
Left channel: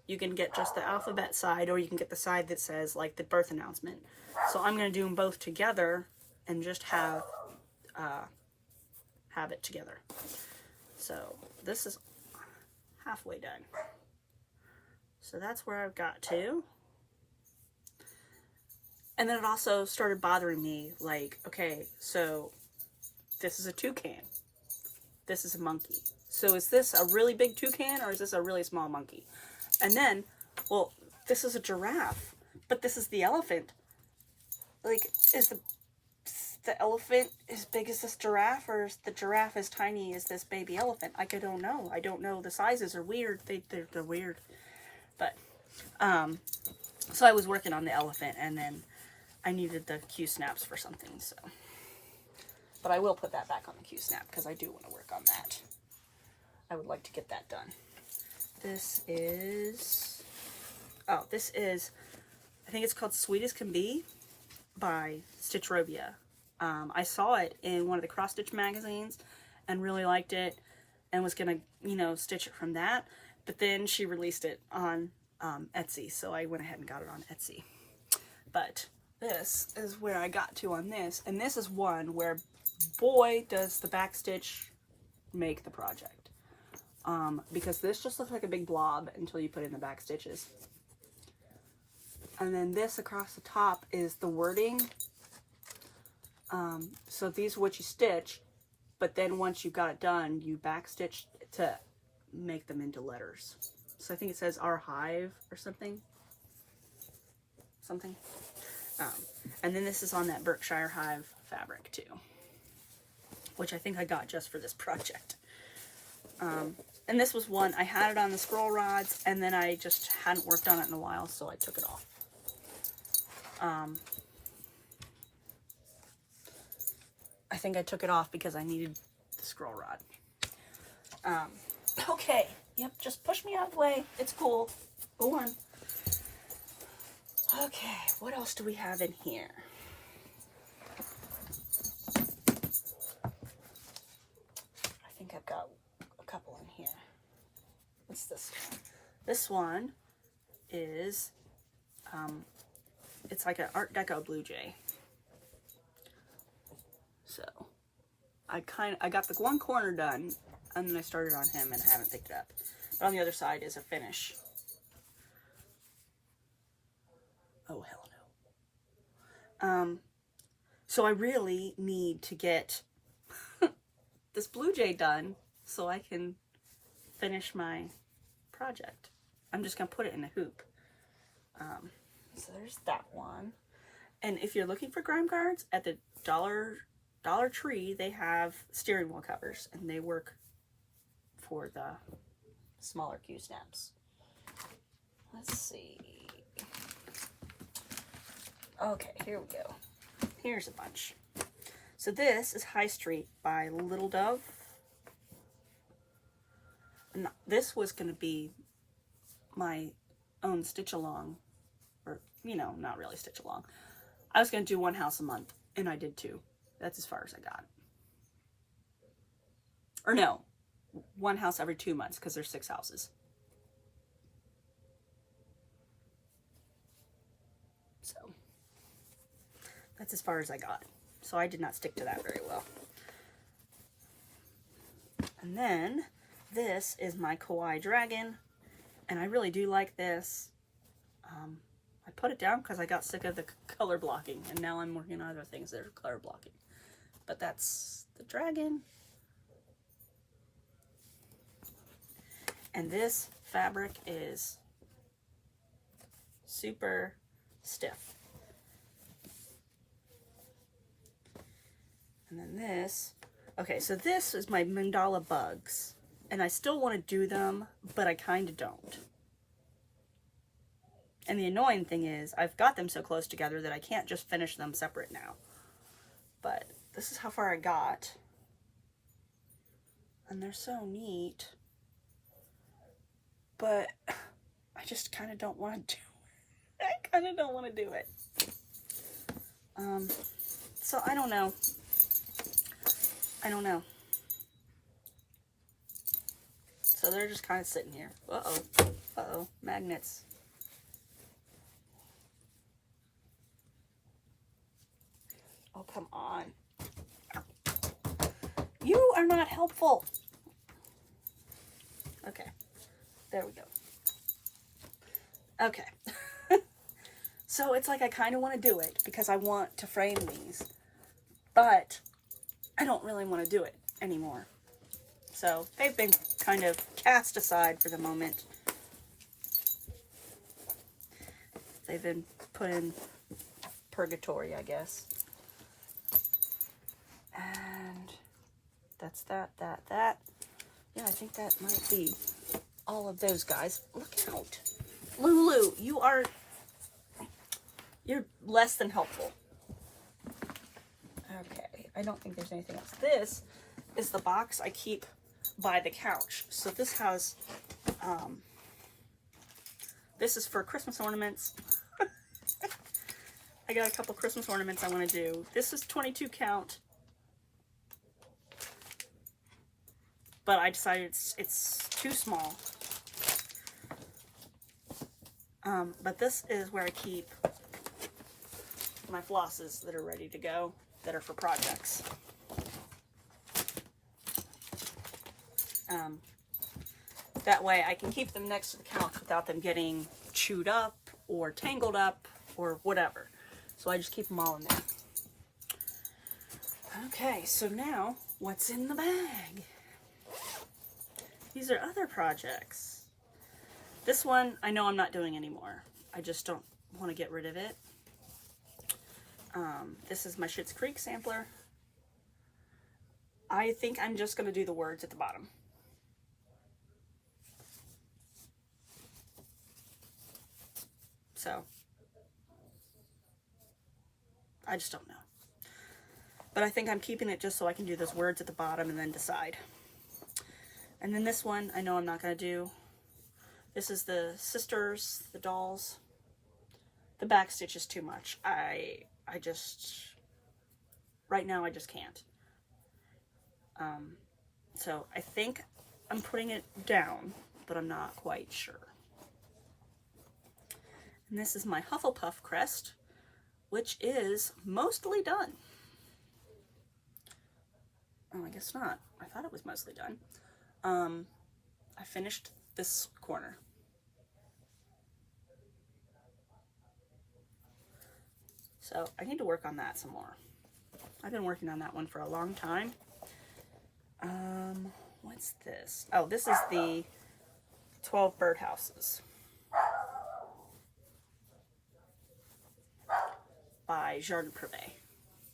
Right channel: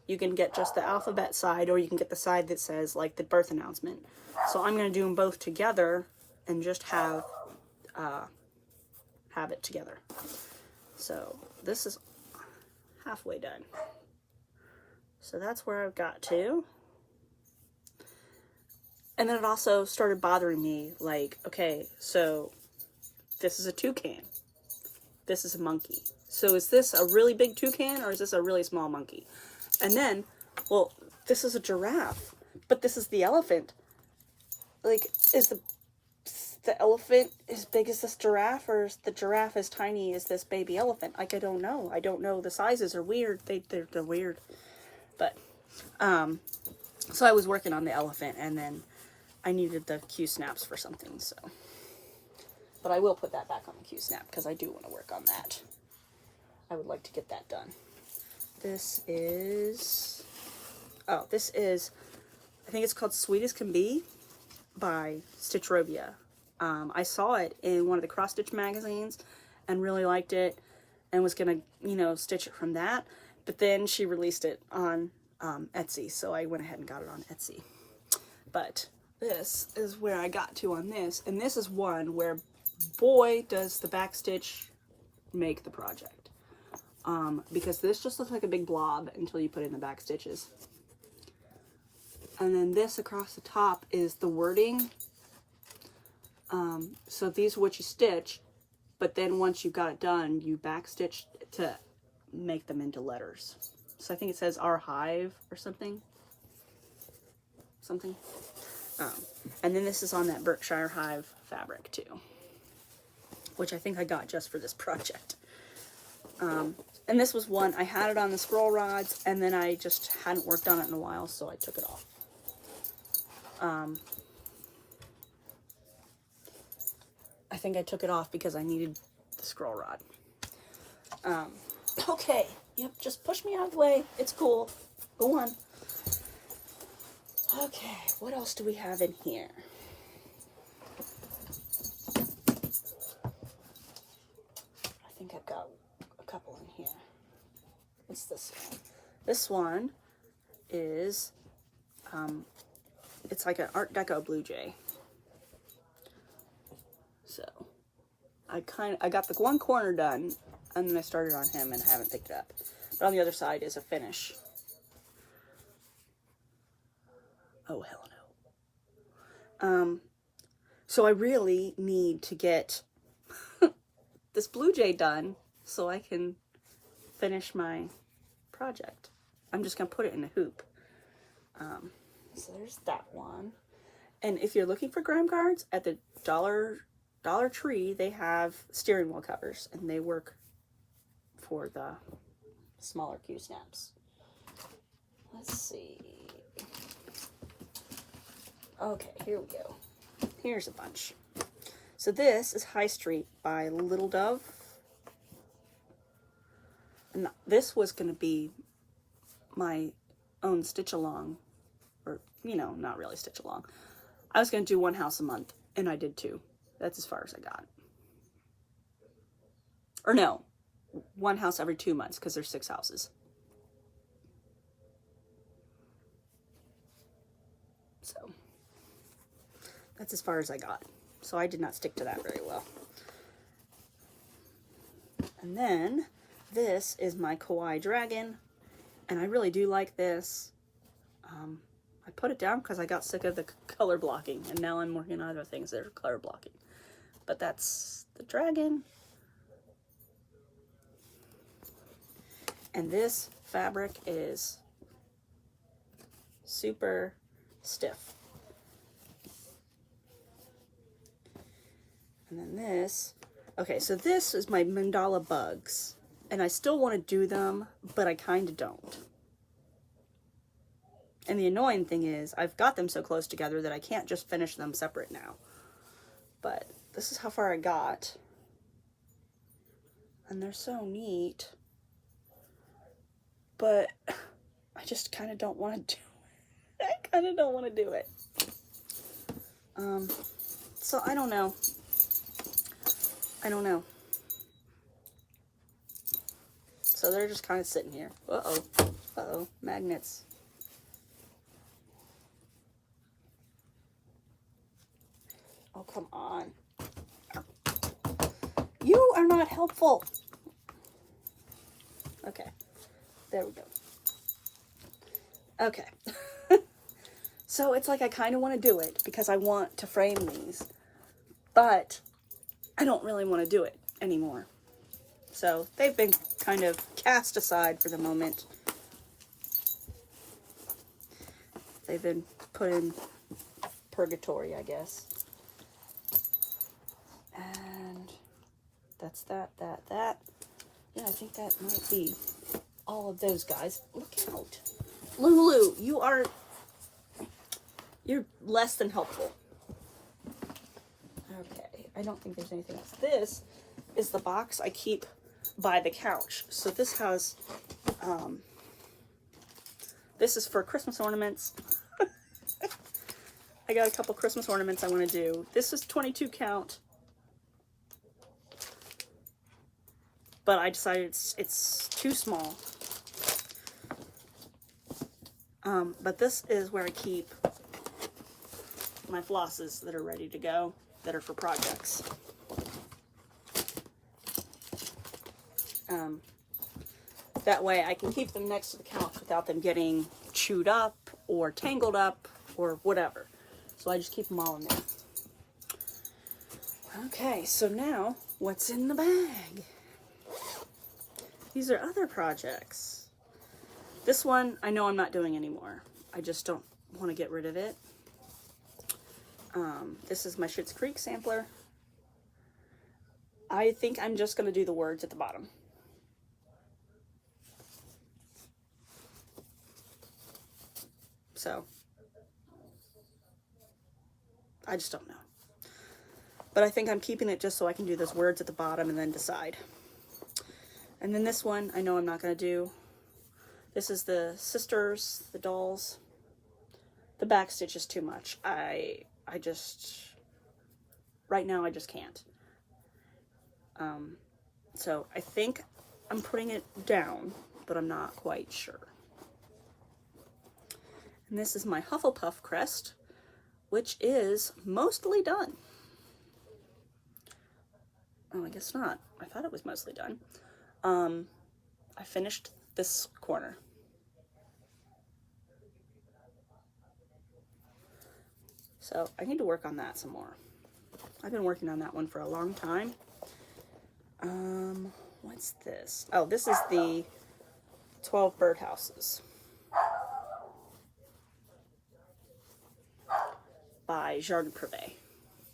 You can get just the alphabet side, or you can get the side that says like the birth announcement. So I'm going to do them both together and just have it together. So this is halfway done. So that's where I've got to. And then it also started bothering me, like, okay, so this is a toucan. This is a monkey. So is this a really big toucan or is this a really small monkey? And then, well, this is a giraffe, but this is the elephant. Like, is the elephant as big as this giraffe, or is the giraffe as tiny as this baby elephant? Like, I don't know. I don't know. The sizes are weird. They're weird. But, so I was working on the elephant, and then I needed the Q-snaps for something, so. But I will put that back on the Q-snap, because I do want to work on that. I would like to get that done. This is, I think it's called Sweet as Can Be by Stitchrobia. I saw it in one of the cross-stitch magazines and really liked it and was going to, stitch it from that. But then she released it on Etsy, so I went ahead and got it on Etsy. But this is where I got to on this, and this is one where, boy, does the back stitch make the project. Because this just looks like a big blob until you put in the back stitches. And then this across the top is the wording. So these are what you stitch, but then once you've got it done, you back stitch to make them into letters. So I think it says Our Hive or something. And then this is on that Berkshire Hive fabric too, which I think I got just for this project. And this was one, I had it on the scroll rods, and then I just hadn't worked on it in a while, so I took it off. I think I took it off because I needed the scroll rod. Okay, yep, just push me out of the way. It's cool. Go on. Okay, what else do we have in here? I think I've got a couple in here. What's this one? This one is, it's like an Art Deco Blue Jay. So, I got the one corner done, and then I started on him and I haven't picked it up. But on the other side is a finish. Oh, hell no. So I really need to get this Blue Jay done so I can finish my project. I'm just going to put it in a hoop. So there's that one. And if you're looking for grime guards, at the Dollar Tree, they have steering wheel covers, and they work for the smaller Q snaps. Let's see. Okay, here we go. Here's a bunch. So this is High Street by Little Dove. And this was going to be my own stitch along, or, you know, not really stitch along. I was going to do one house a month, and I did 2. That's as far as I got. Or no, one house every 2 months, because there's 6 houses. So that's as far as I got. So I did not stick to that very well. And then this is my Kawaii Dragon, and I really do like this. I put it down because I got sick of the color blocking, and now I'm working on other things that are color blocking. But that's the dragon. And this fabric is super stiff. And then this, okay, so this is my mandala bugs, and I still want to do them, but I kind of don't. And the annoying thing is, I've got them so close together that I can't just finish them separate now. But this is how far I got. And they're so neat. But I just kind of don't want to do it. I kind of don't want to do it. So I don't know. So they're just kind of sitting here. Uh-oh, magnets. Oh, come on. You are not helpful. Okay, there we go. Okay. So it's like I kind of want to do it because I want to frame these, but I don't really want to do it anymore. So they've been kind of cast aside for the moment. They've been put in purgatory, I guess. And that's that. Yeah, I think that might be all of those guys. Look out. Lulu, you're less than helpful. Okay, I don't think there's anything else. This is the box I keep by the couch. So this has, this is for Christmas ornaments. I got a couple Christmas ornaments I want to do. This is 22 count. But I decided it's too small. But this is where I keep my flosses that are ready to go, that are for projects. That way I can keep them next to the couch without them getting chewed up or tangled up or whatever. So I just keep them all in there. Okay, so now what's in the bag? These are other projects. This one I know I'm not doing anymore. I just don't want to get rid of it. This is my Schitt's Creek sampler. I think I'm just going to do the words at the bottom. So, I just don't know. But I think I'm keeping it just so I can do those words at the bottom and then decide. And then this one, I know I'm not going to do. This is the sisters, the dolls. The back stitch is too much. I just, right now I just can't. So I think I'm putting it down, but I'm not quite sure. And this is my Hufflepuff crest, which is mostly done. Oh, I guess not. I thought it was mostly done. I finished this corner. So I need to work on that some more. I've been working on that one for a long time. What's this? Oh, this is the 12 birdhouses by Jardin Privé.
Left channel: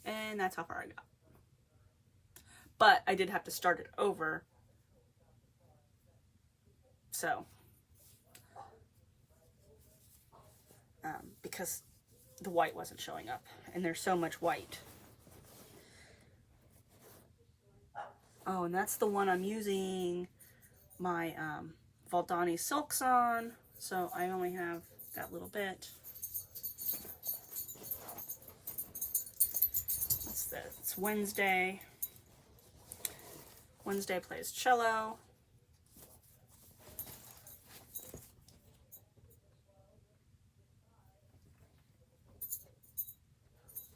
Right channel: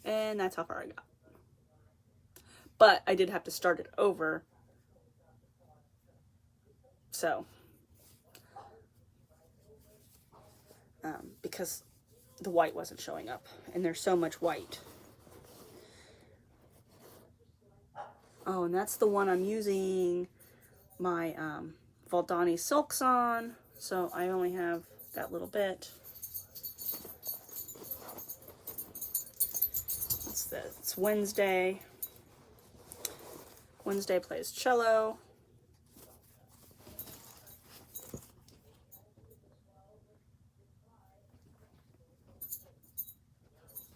And that's how far I got. But I did have to start it over. So because the white wasn't showing up, and there's so much white. Oh, and that's the one I'm using my Valdani silks on, so I only have that little bit. What's this? It's Wednesday. Wednesday plays cello.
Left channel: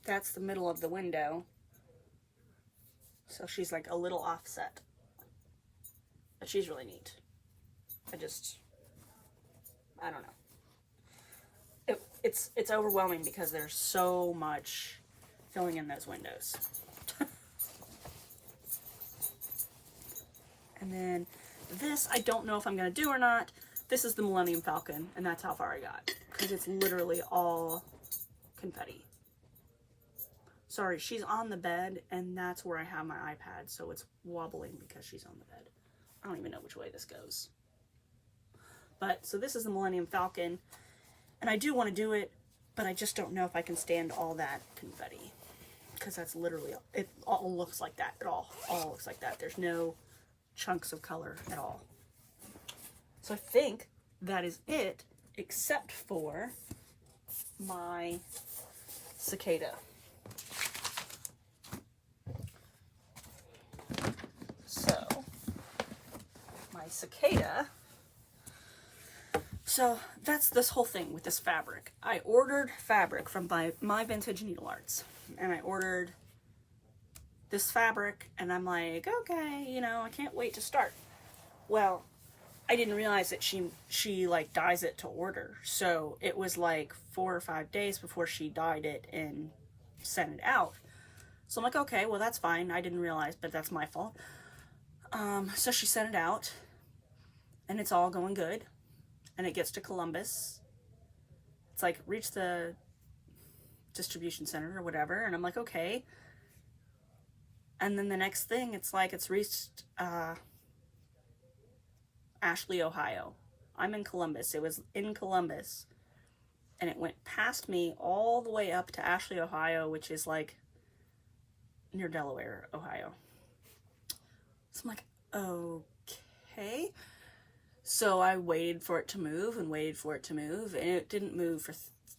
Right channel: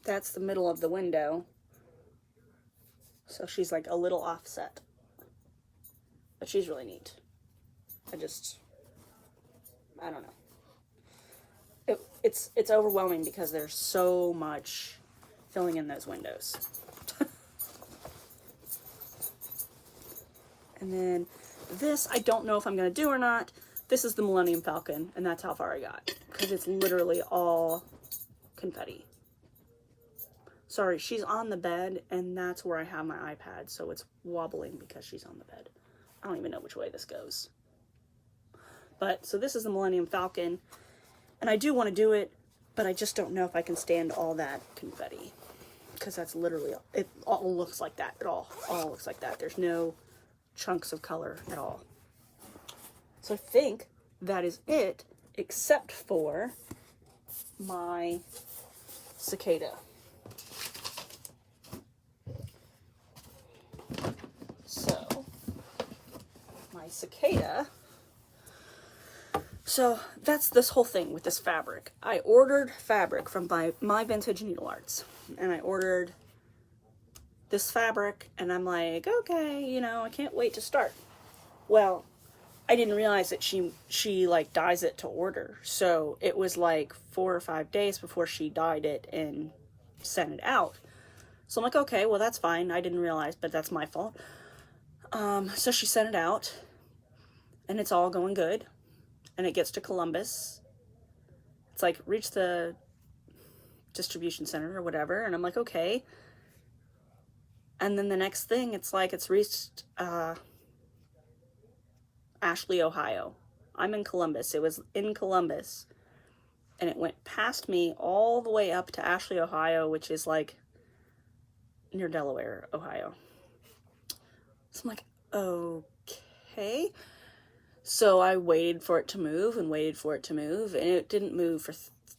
That's the middle of the window. So she's like a little offset. But she's really neat. I don't know. It's overwhelming because there's so much filling in those windows. And then this, I don't know if I'm going to do or not. This is the Millennium Falcon, and that's how far I got. Because it's literally all confetti. Sorry, she's on the bed, and that's where I have my iPad, so it's wobbling because she's on the bed. I don't even know which way this goes. But, so this is the Millennium Falcon, and I do want to do it, but I just don't know if I can stand all that confetti. Because that's literally, it all looks like that. It all looks like that. There's no chunks of color at all. So I think that is it, except for my cicada. So, my cicada. So that's this whole thing with this fabric. I ordered fabric from My Vintage Needle Arts, and I ordered this fabric, and I'm like, okay, you know, I can't wait to start. Well, I didn't realize that she like dyes it to order. So it was like 4 or 5 days before she dyed it and sent it out. So I'm like, okay, well, that's fine. I didn't realize, but that's my fault. So she sent it out, and it's all going good. And it gets to Columbus. It's like, reach the distribution center or whatever. And I'm like, okay. And then the next thing, it's like, it's reached Ashley, Ohio. I'm in Columbus. It was in Columbus. And it went past me all the way up to Ashley, Ohio, which is like near Delaware, Ohio. So I'm like, okay. So I waited for it to move and waited for it to move, and it didn't move for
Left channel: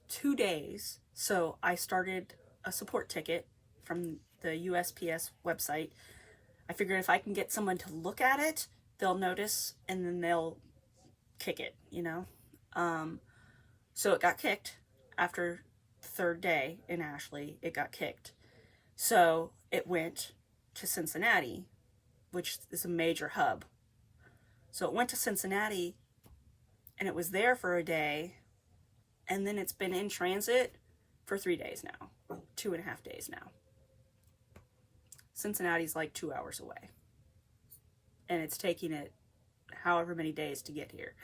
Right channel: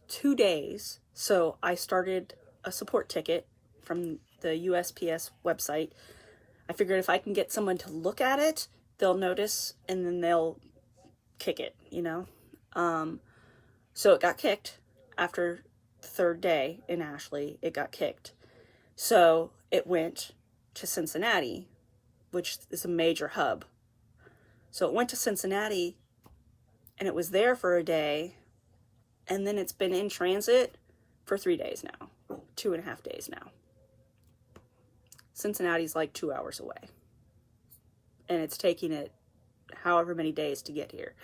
2 days. So I started a support ticket from the USPS website. I figured if I can get someone to look at it, they'll notice, and then they'll kick it, you know? So it got kicked after the 3rd day in Ashley. It got kicked. So it went to Cincinnati, which is a major hub. So it went to Cincinnati, and it was there for a day, and then it's been in transit for 3 days now, 2.5 days now. Cincinnati's like 2 hours away, and it's taking it however many days to get here.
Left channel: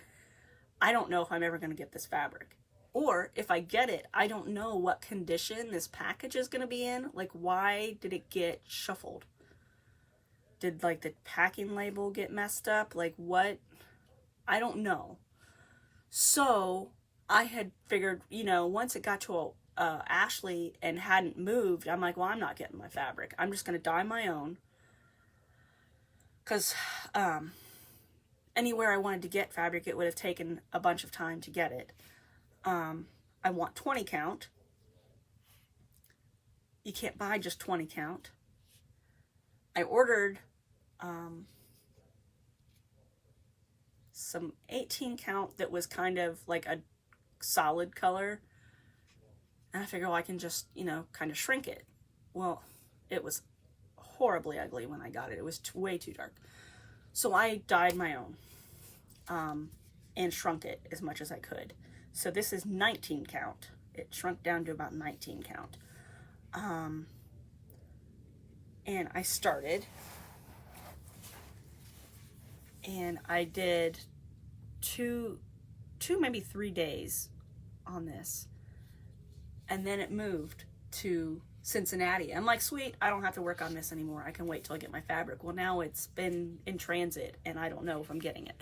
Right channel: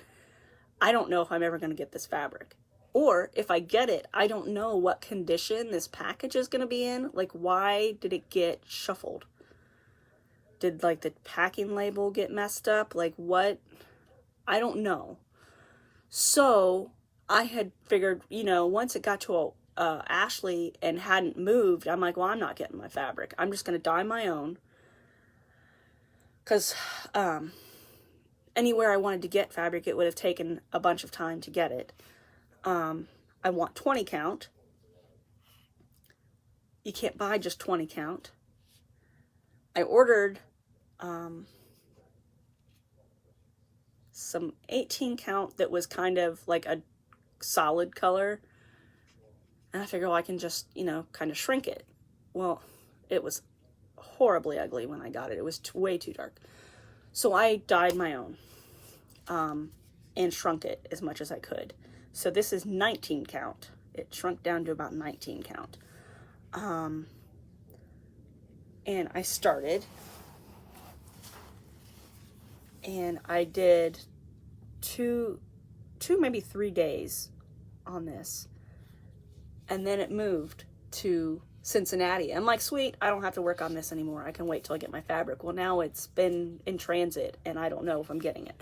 I don't know if I'm ever going to get this fabric, or if I get it, I don't know what condition this package is going to be in. Like, why did it get shuffled? Did, like, the packing label get messed up? Like, what? I don't know. So, I had figured, you know, once it got to Ashley and hadn't moved, I'm like, well, I'm not getting my fabric. I'm just going to dye my own. Because anywhere I wanted to get fabric, it would have taken a bunch of time to get it. I want 20 count. You can't buy just 20 count. I ordered some 18 count that was kind of like a solid color, and I figure, well, I can just, you know, kind of shrink it. Well, it was horribly ugly when I got it. It was way too dark. So I dyed my own and shrunk it as much as I could. So this is 19 count. It shrunk down to about 19 count. And I started, and I did two, maybe 3 days on this, and then it moved to Cincinnati. I'm like, sweet, I don't have to work on this anymore. I can wait till I get my fabric. Well, now it's been in transit, and I don't know if I'm getting it.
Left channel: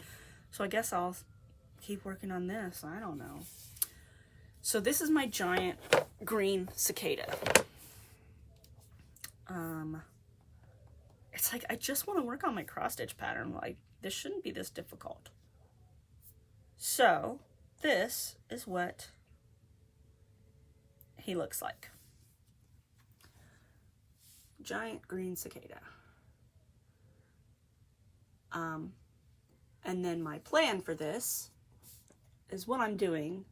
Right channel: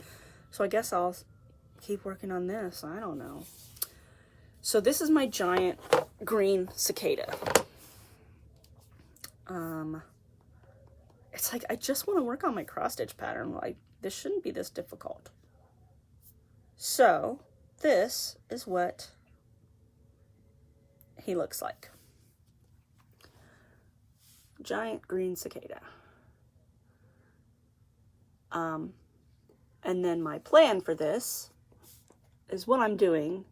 So I guess I'll keep working on this. I don't know. So this is my giant green cicada. It's like, I just want to work on my cross stitch pattern. Like, this shouldn't be this difficult. So this is what he looks like. Giant green cicada. And then my plan for this is, what I'm doing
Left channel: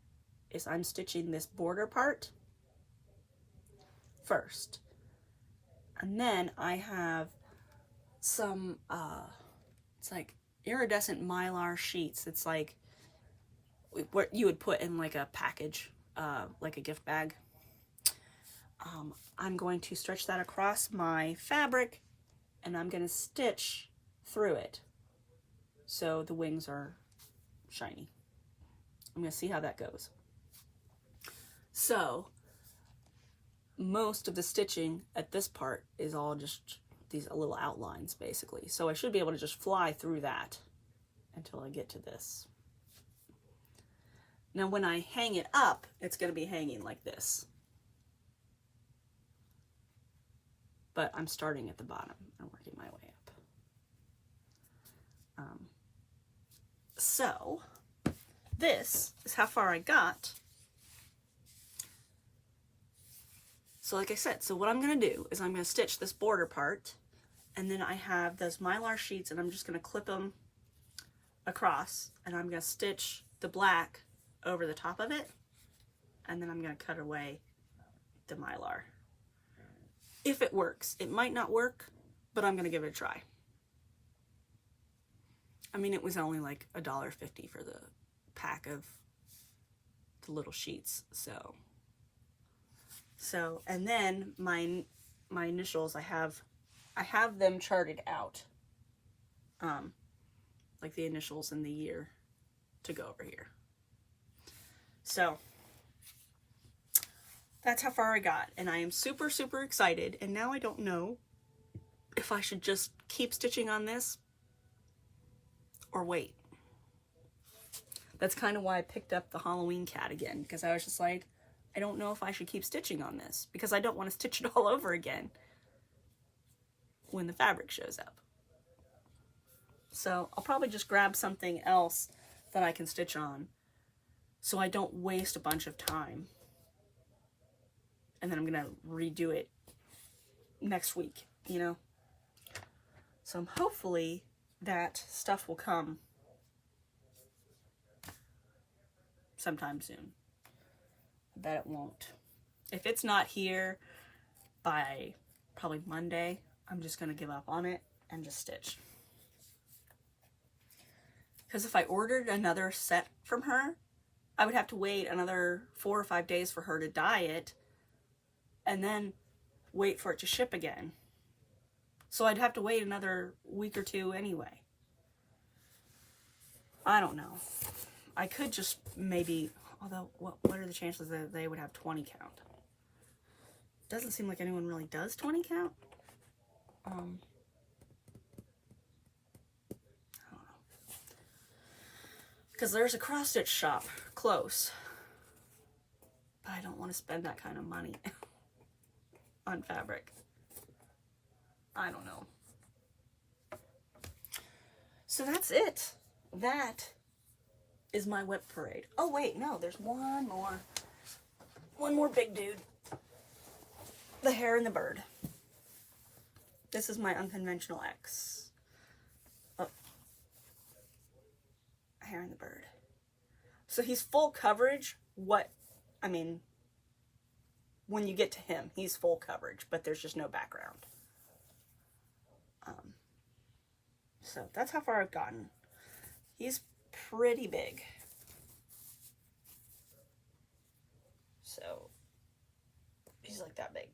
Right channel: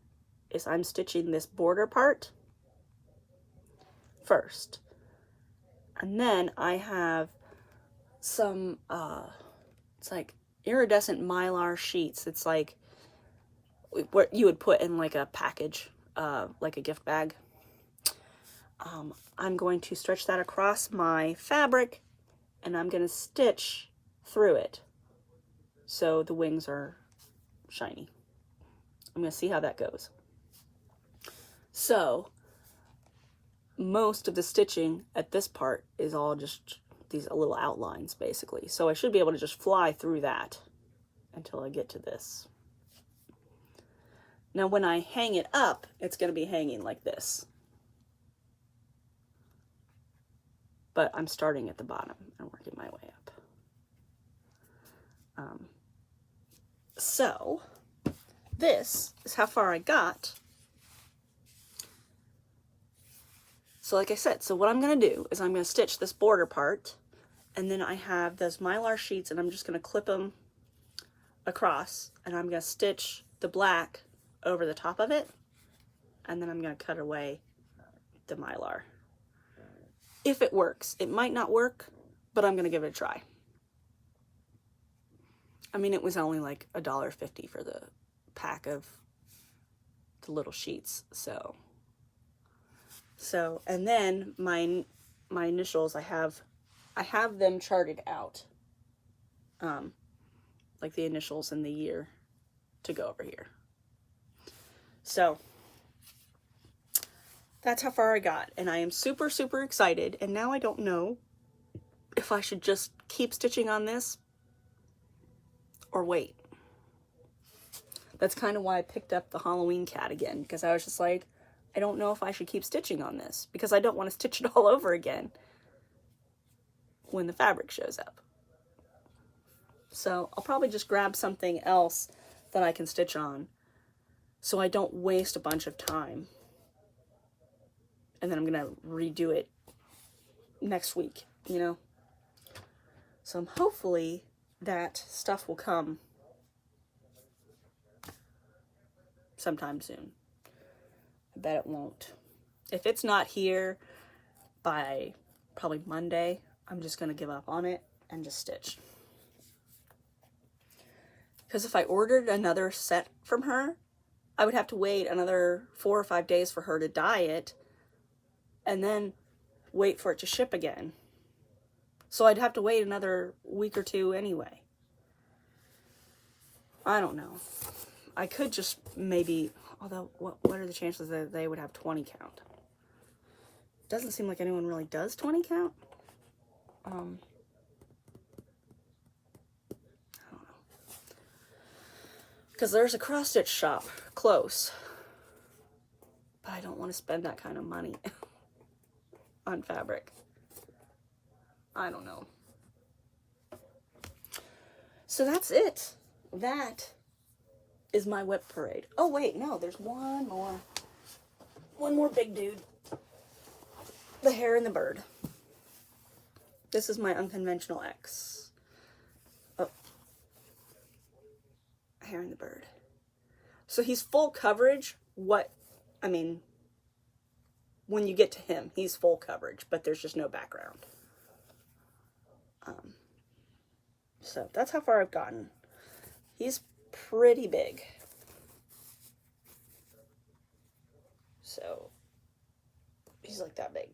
is I'm stitching this border part first. And then I have some, it's like iridescent mylar sheets. It's like what you would put in like a package, like a gift bag. I'm going to stretch that across my fabric, and I'm going to stitch through it so the wings are shiny. I'm going to see how that goes. So most of the stitching at this part is all just these little outlines, basically. So I should be able to just fly through that until I get to this. Now when I hang it up, it's going to be hanging like this. But I'm starting at the bottom and working my way up. So this is how far I got. So like I said, so what I'm going to do is I'm going to stitch this border part, and then I have those mylar sheets, and I'm just going to clip them across, and I'm going to stitch the black over the top of it, and then I'm going to cut away the mylar. If it works. It might not work, but I'm going to give it a try. I mean, it was only like $1.50 for the pack of the little sheets, so and then my initials, I have them charted out, like the initials and the year to go over here. So that's how far I got, and I am super, super excited. And now I don't know if I should just keep stitching on this or wait. That's kind of why I picked up the Halloween cat again, because I was just like, I don't know if I should keep stitching on this, because I don't want to stitch it all over again when the fabric shows up. So I'll probably just grab something else that I can stitch on so I don't waste a bunch of time. And then I'm going to redo it next week, you know? So hopefully that stuff will come sometime soon. I bet it won't. If it's not here by probably Monday, I'm just going to give up on it and just stitch. Because if I ordered another set from her, I would have to wait another 4 or 5 days for her to dye it, and then wait for it to ship again. So I'd have to wait another week or two anyway. I don't know. I could just maybe, although what are the chances that they would have 20 count? Doesn't seem like anyone really does 20 count. I don't know. Because there's a cross stitch shop close, but I don't want to spend that kind of money on fabric. I don't know. So that's it. That is my WIP parade. Oh wait, no, there's one more big dude. The hare and the bird. This is my unconventional X. Oh. Hare and the bird. So he's full coverage. When you get to him, he's full coverage, but there's just no background. So that's how far I've gotten. He's pretty big. So he's like that big.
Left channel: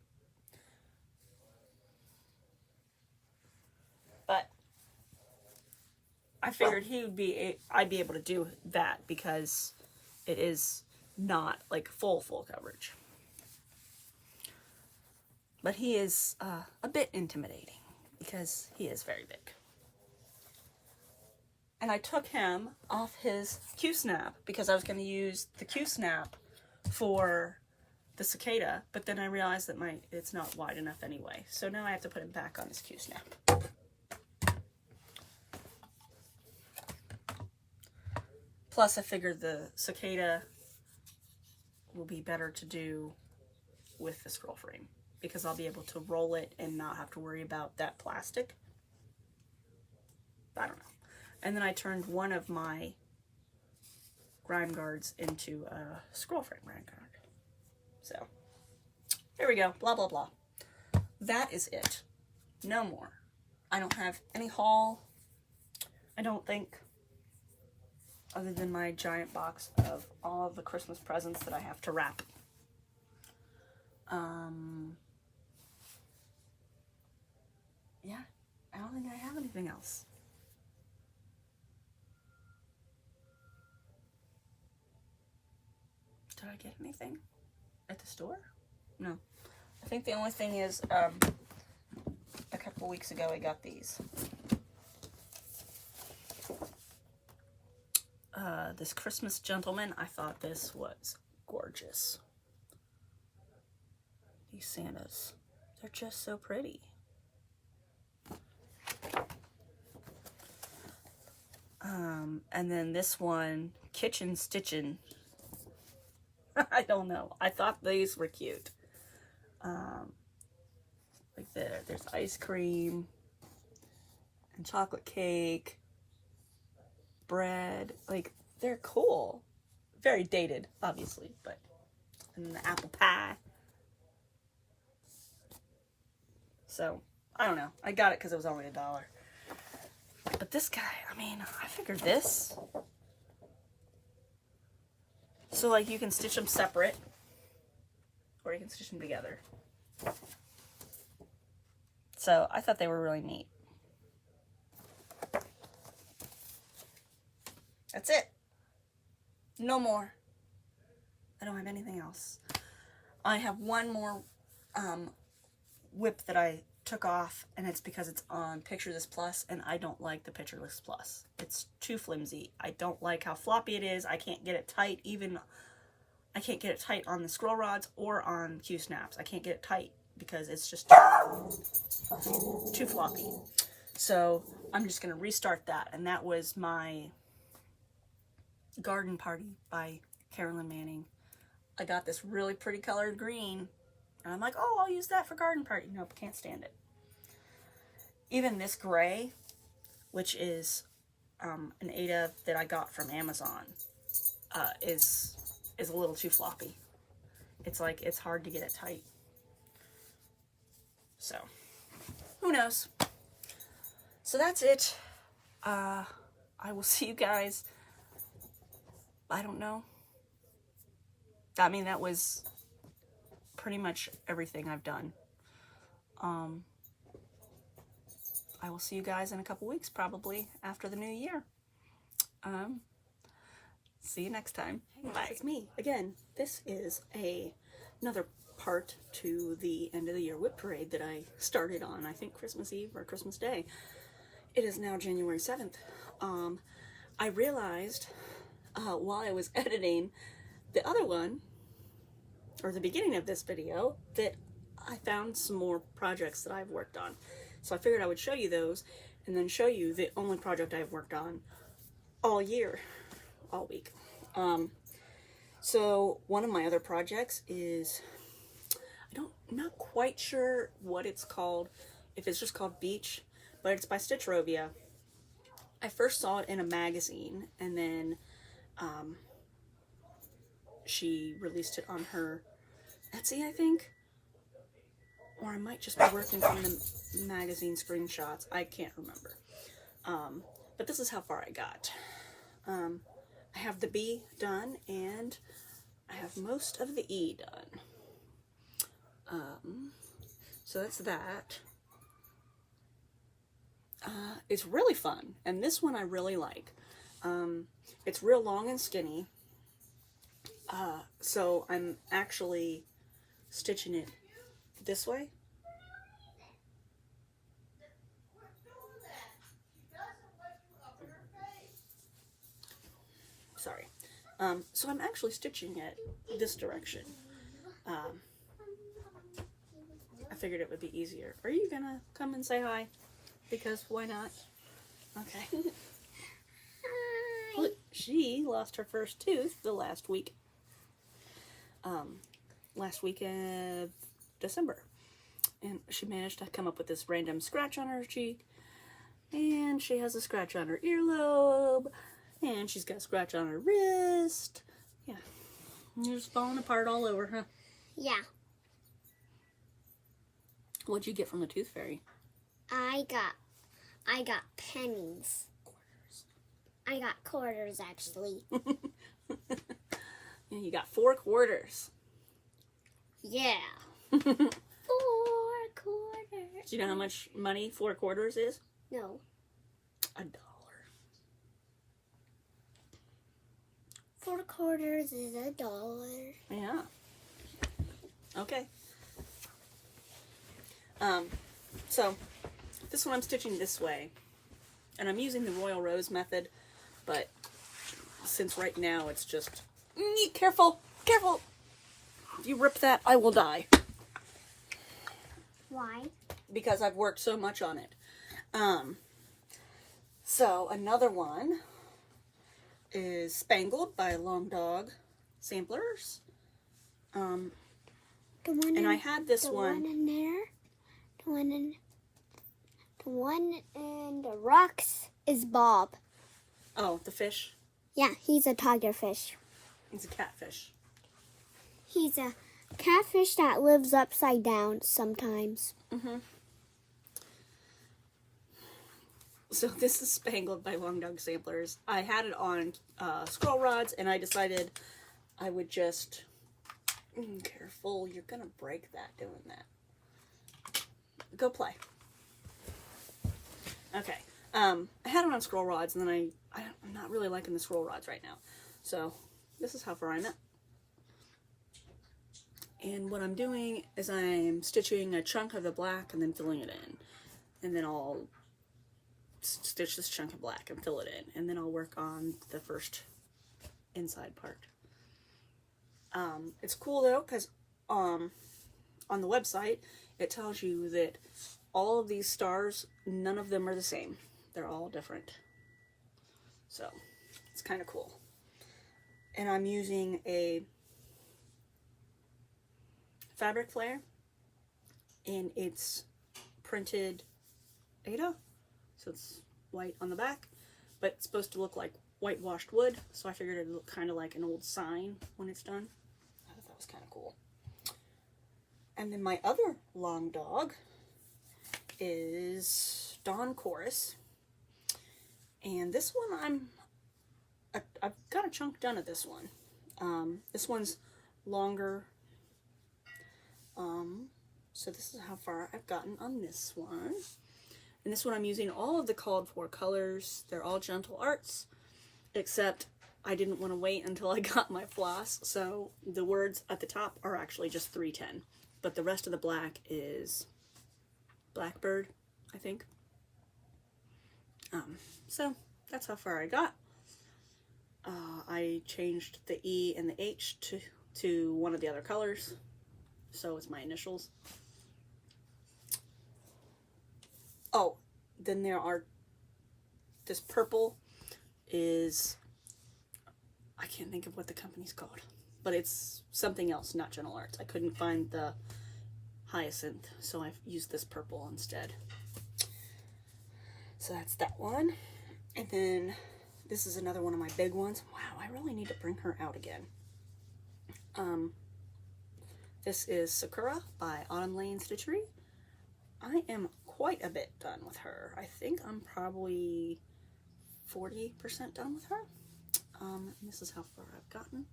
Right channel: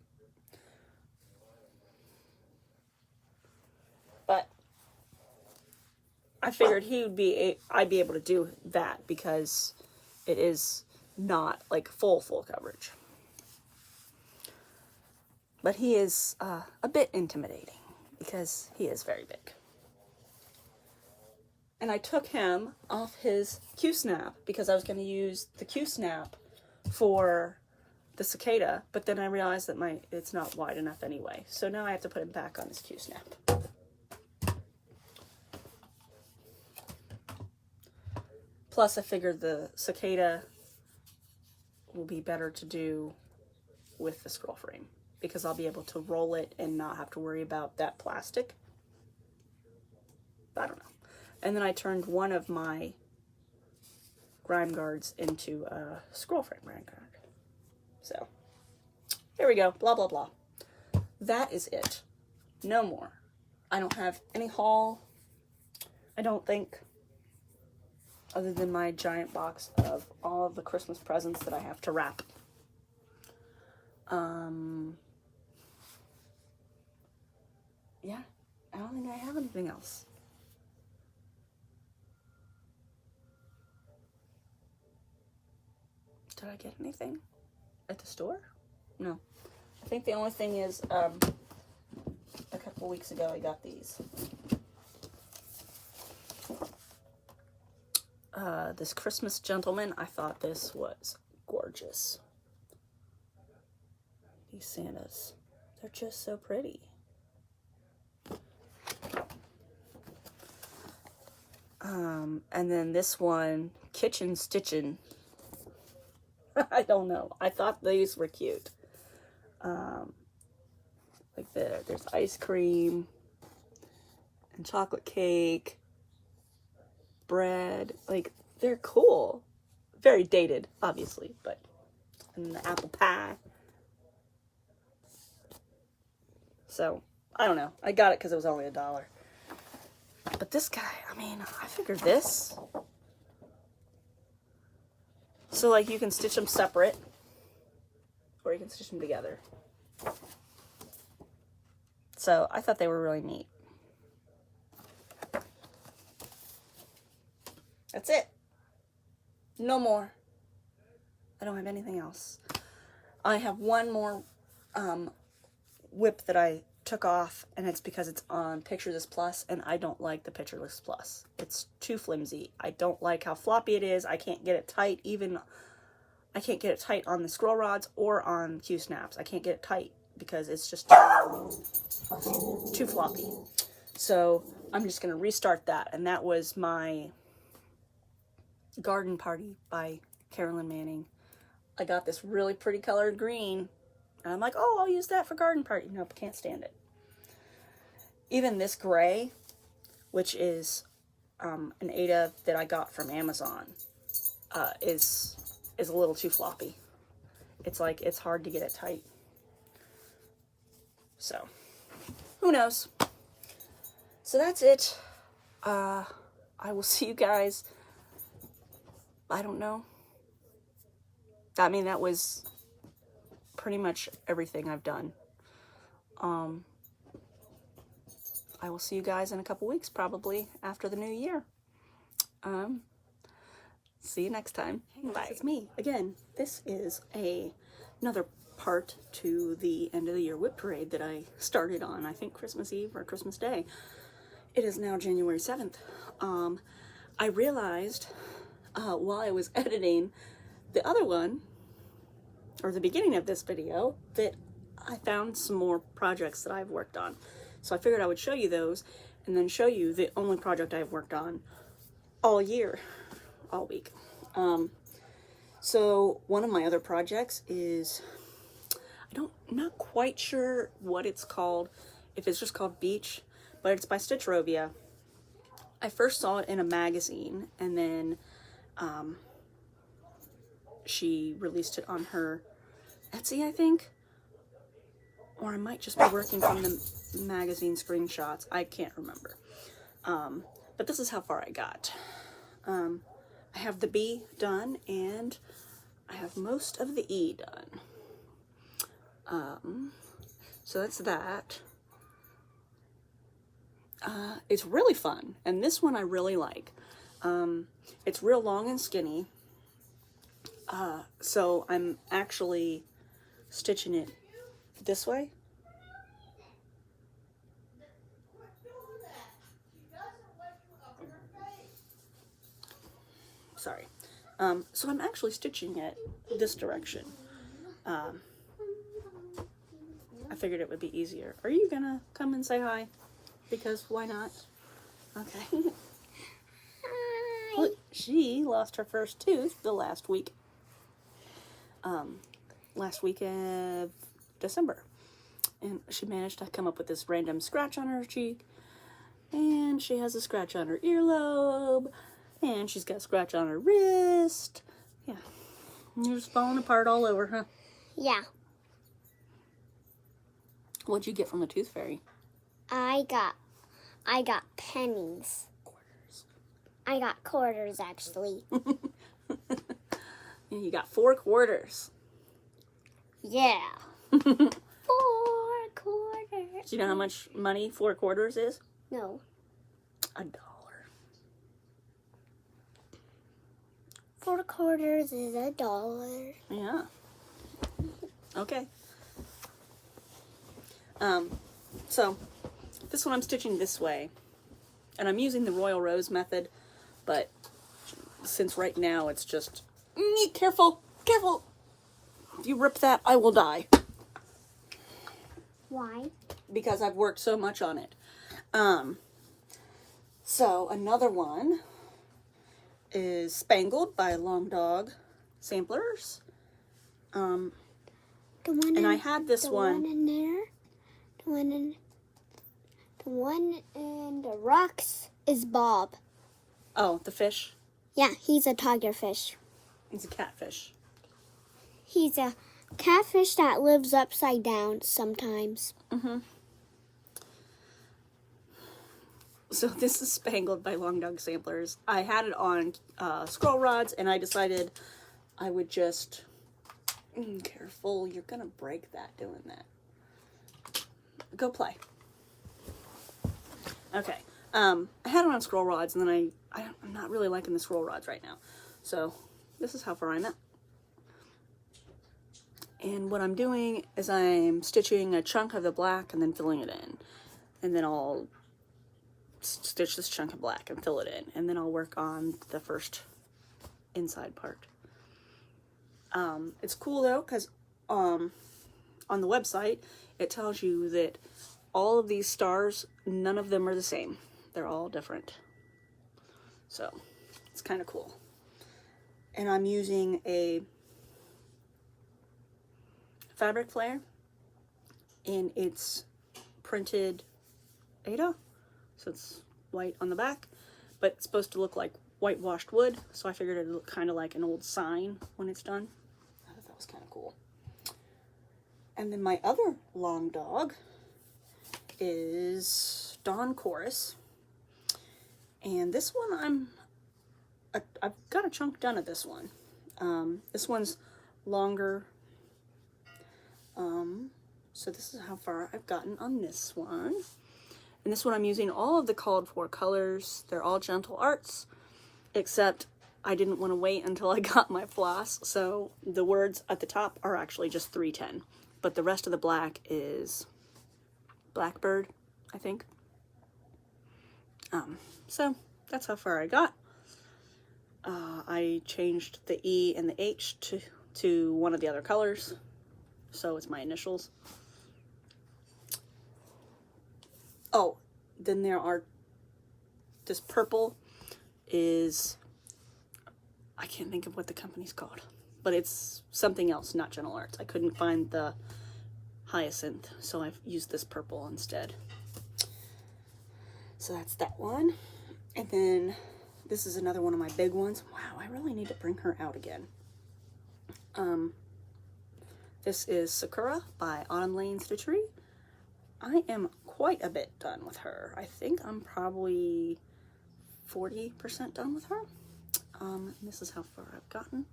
But I figured I'd be able to do that because it is not like full coverage. But he is a bit intimidating because he is very big. And I took him off his Q-snap because I was going to use the Q-snap for the cicada, but then I realized that it's not wide enough anyway. So now I have to put it back on this Q-snap. Plus I figured the cicada will be better to do with the scroll frame because I'll be able to roll it and not have to worry about that plastic. I don't know. And then I turned one of my grime guards into a scroll frame grime guard. So, here we go. Blah, blah, blah. That is it. No more. I don't have any haul, I don't think, other than my giant box of all of the Christmas presents that I have to wrap. Yeah, I don't think I have anything else. Did I get anything at the store? No. I think the only thing is, a couple weeks ago I got these. This Christmas Gentleman, I thought this was gorgeous. These Santas, they're just so pretty. And then this one, Kitchen Stitchin'. I don't know. I thought these were cute. Like there's ice cream and chocolate cake, bread. Like, they're cool. Very dated, obviously, but and the apple pie. So, I don't know. I got it because it was only $1. But this guy, I mean, I figured this. So, like, you can stitch them separate, or you can stitch them together. So, I thought they were really neat. That's it. No more. I don't have anything else. I have one more WIP that I took off, and it's because it's on Pictureless Plus, and I don't like the Pictureless Plus. It's too flimsy. I don't like how floppy it is. I can't get it tight. I can't get it tight on the scroll rods or on Q-snaps. I can't get it tight because it's just too floppy. So I'm just going to restart that, and that was my Garden Party by Carolyn Manning. I got this really pretty colored green, and I'm like, oh, I'll use that for Garden Party. Nope, can't stand it. Even this gray, which is an Ada that I got from Amazon, is a little too floppy. It's like, it's hard to get it tight. So, who knows? So that's it. I will see you guys. I don't know. I mean, that was pretty much everything I've done. I will see you guys in a couple weeks, probably after the new year. See you next time. Bye. It's me again. This is another part to the end of the year WIP parade that I started on, I think, Christmas Eve or Christmas Day. It is now January 7th. I realized while I was editing the other one, or the beginning of this video, that I found some more projects that I've worked on. So I figured I would show you those, and then show you the only project I've worked on all year, all week. So one of my other projects is, not quite sure what it's called, if it's just called Beach, but it's by Stitchrovia. I first saw it in a magazine, and then she released it on her Etsy, I think, or I might just be working from the magazine screenshots. I can't remember. But this is how far I got. I have the B done, and I have most of the E done. So that's that. It's really fun, and this one I really like. It's real long and skinny, so I'm actually stitching it this way. Sorry. So I'm actually stitching it this direction. I figured it would be easier. Are you gonna come and say hi? Because why not? Okay. Hi. Look, she lost her first tooth the last week. Last week of December. And she managed to come up with this random scratch on her cheek. And she has a scratch on her earlobe. And she's got a scratch on her wrist. Yeah. You're just falling apart all over, huh? Yeah. What'd you get from the tooth fairy? I got pennies. Quarters. I got quarters, actually. You got 4 quarters. Yeah. 4 quarters. Do you know how much money 4 quarters is? No. $1. 4 quarters is $1. Yeah. Okay. So this one I'm stitching this way, and I'm using the Royal Rose method, but since right now it's just careful, careful. If you rip that, I will die. Why? Because I've worked so much on it. So another one is Spangled by Long Dog Samplers. The one And I had this the one in there. The one in the rocks is Bob. Oh, the fish. Yeah, he's a tigerfish. He's a catfish. He's a catfish that lives upside down sometimes. Mm-hmm. So this is Spangled by Long Dog Samplers. I had it on scroll rods, and I decided I would just... careful, you're gonna break that doing that. Go play. Okay. I had it on scroll rods, and then I'm not really liking the scroll rods right now. So this is how far I'm at. And what I'm doing is I'm stitching a chunk of the black and then filling it in. And then I'll stitch this chunk of black and fill it in. And then I'll work on the first inside part. It's cool though, because on the website, it tells you that all of these stars, none of them are the same. They're all different. So, it's kind of cool. And I'm using a fabric flare, and it's printed Ada, so it's white on the back, but it's supposed to look like whitewashed wood, so I figured it'd look kind of like an old sign when it's done. I thought that was kind of cool. And then my other Long Dog is Dawn Chorus, and this one I've got a chunk done of this one. This one's longer, so this is how far I've gotten on this one. And this one I'm using all of the called for colors. They're all Gentle Arts, except I didn't want to wait until I got my floss, so the words at the top are actually just 310. But the rest of the black is Blackbird, I think. So that's how far I got. I changed the E and the H to one of the other colors, so it's my initials. Oh, then there are, this purple is, I can't think of what the company's called, but it's something else, not Gentle Arts. I couldn't find the hyacinth, so I've used this purple instead. So that's that one. And then this is another one of my big ones. Wow, I really need to bring her out again. This is Sakura by Autumn Lane Stitchery. I am quite a bit done with her. I think I'm probably 40% done with her. This is how far I've gotten.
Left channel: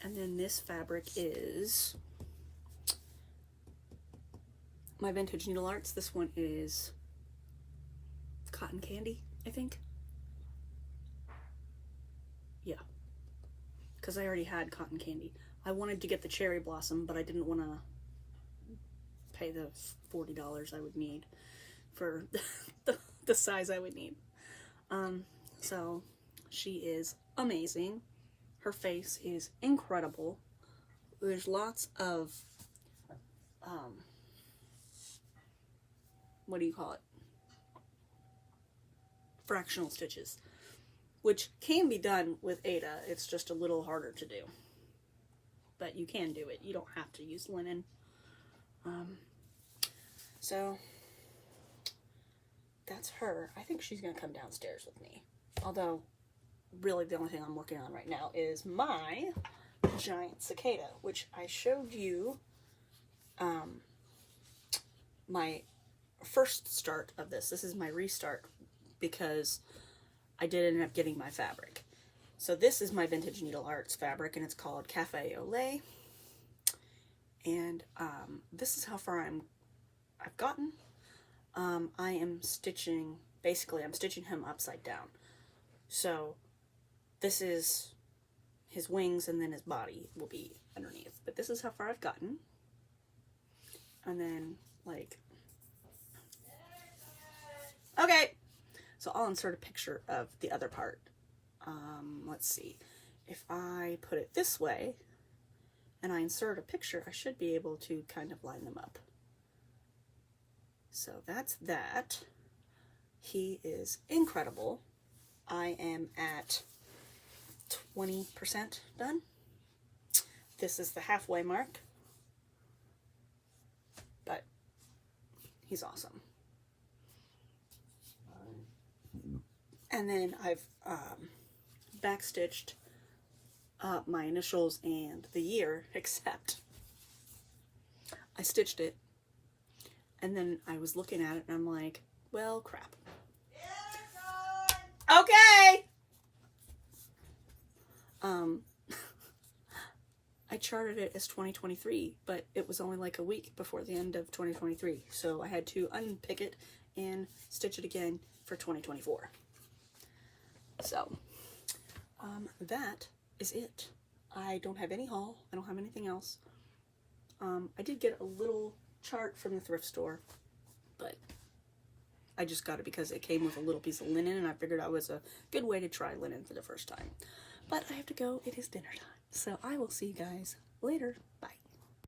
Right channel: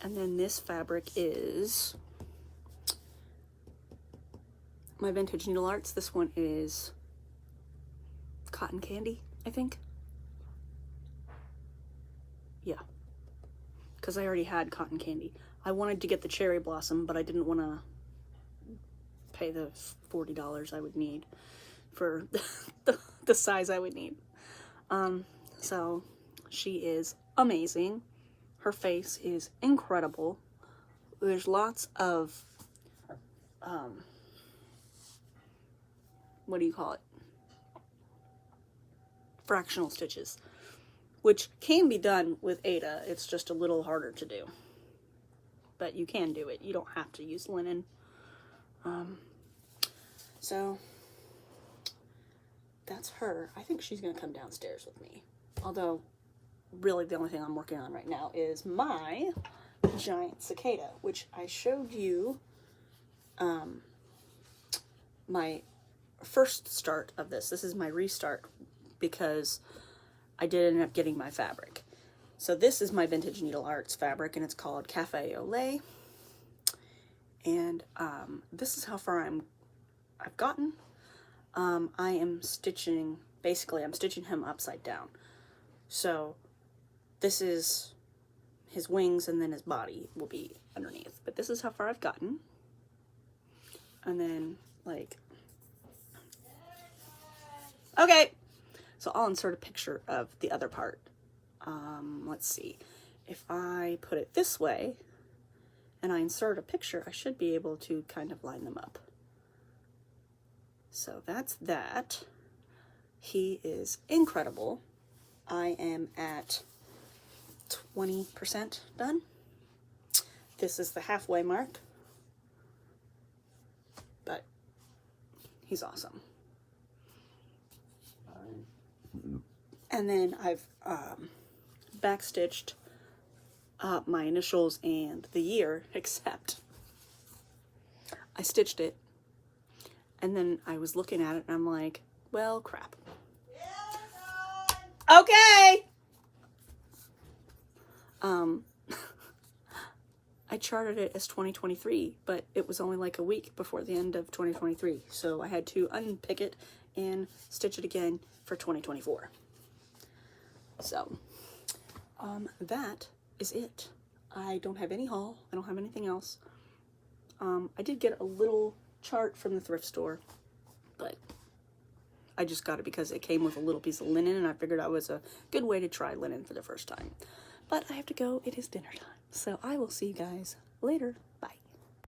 And then this fabric is my Vintage Needle Arts. This one is Cotton Candy, I think. Yeah, because I already had Cotton Candy. I wanted to get the Cherry Blossom, but I didn't want to pay the $40 I would need for the size I would need. So she is amazing. Her face is incredible. There's lots of, what do you call it? Fractional stitches, which can be done with Ada. It's just a little harder to do. But you can do it. You don't have to use linen. So that's her. I think she's going to come downstairs with me. Although, really the only thing I'm working on right now is my giant cicada, which I showed you my first start of this. This is my restart because I did end up getting my fabric. So this is my Vintage Needle Arts fabric, and it's called Cafe au Lait. And this is how far I've gotten. I am stitching, basically I'm stitching him upside down. So this is his wings, and then his body will be underneath. But this is how far I've gotten. And then, like, okay, so I'll insert a picture of the other part. Let's see, if I put it this way and I insert a picture, I should be able to kind of line them up. So that's that. He is incredible. I am at 20% done. This is the halfway mark, but he's awesome. And then I've backstitched my initials and the year, except I stitched it and then I was looking at it and I'm like, well, crap. Okay. I charted it as 2023, but it was only like a week before the end of 2023. So I had to unpick it and stitch it again for 2024. So, that is it. I don't have any haul. I don't have anything else. I did get a little chart from the thrift store, but I just got it because it came with a little piece of linen, and I figured that was a good way to try linen for the first time. But I have to go. It is dinner time. So I will see you guys later. Bye.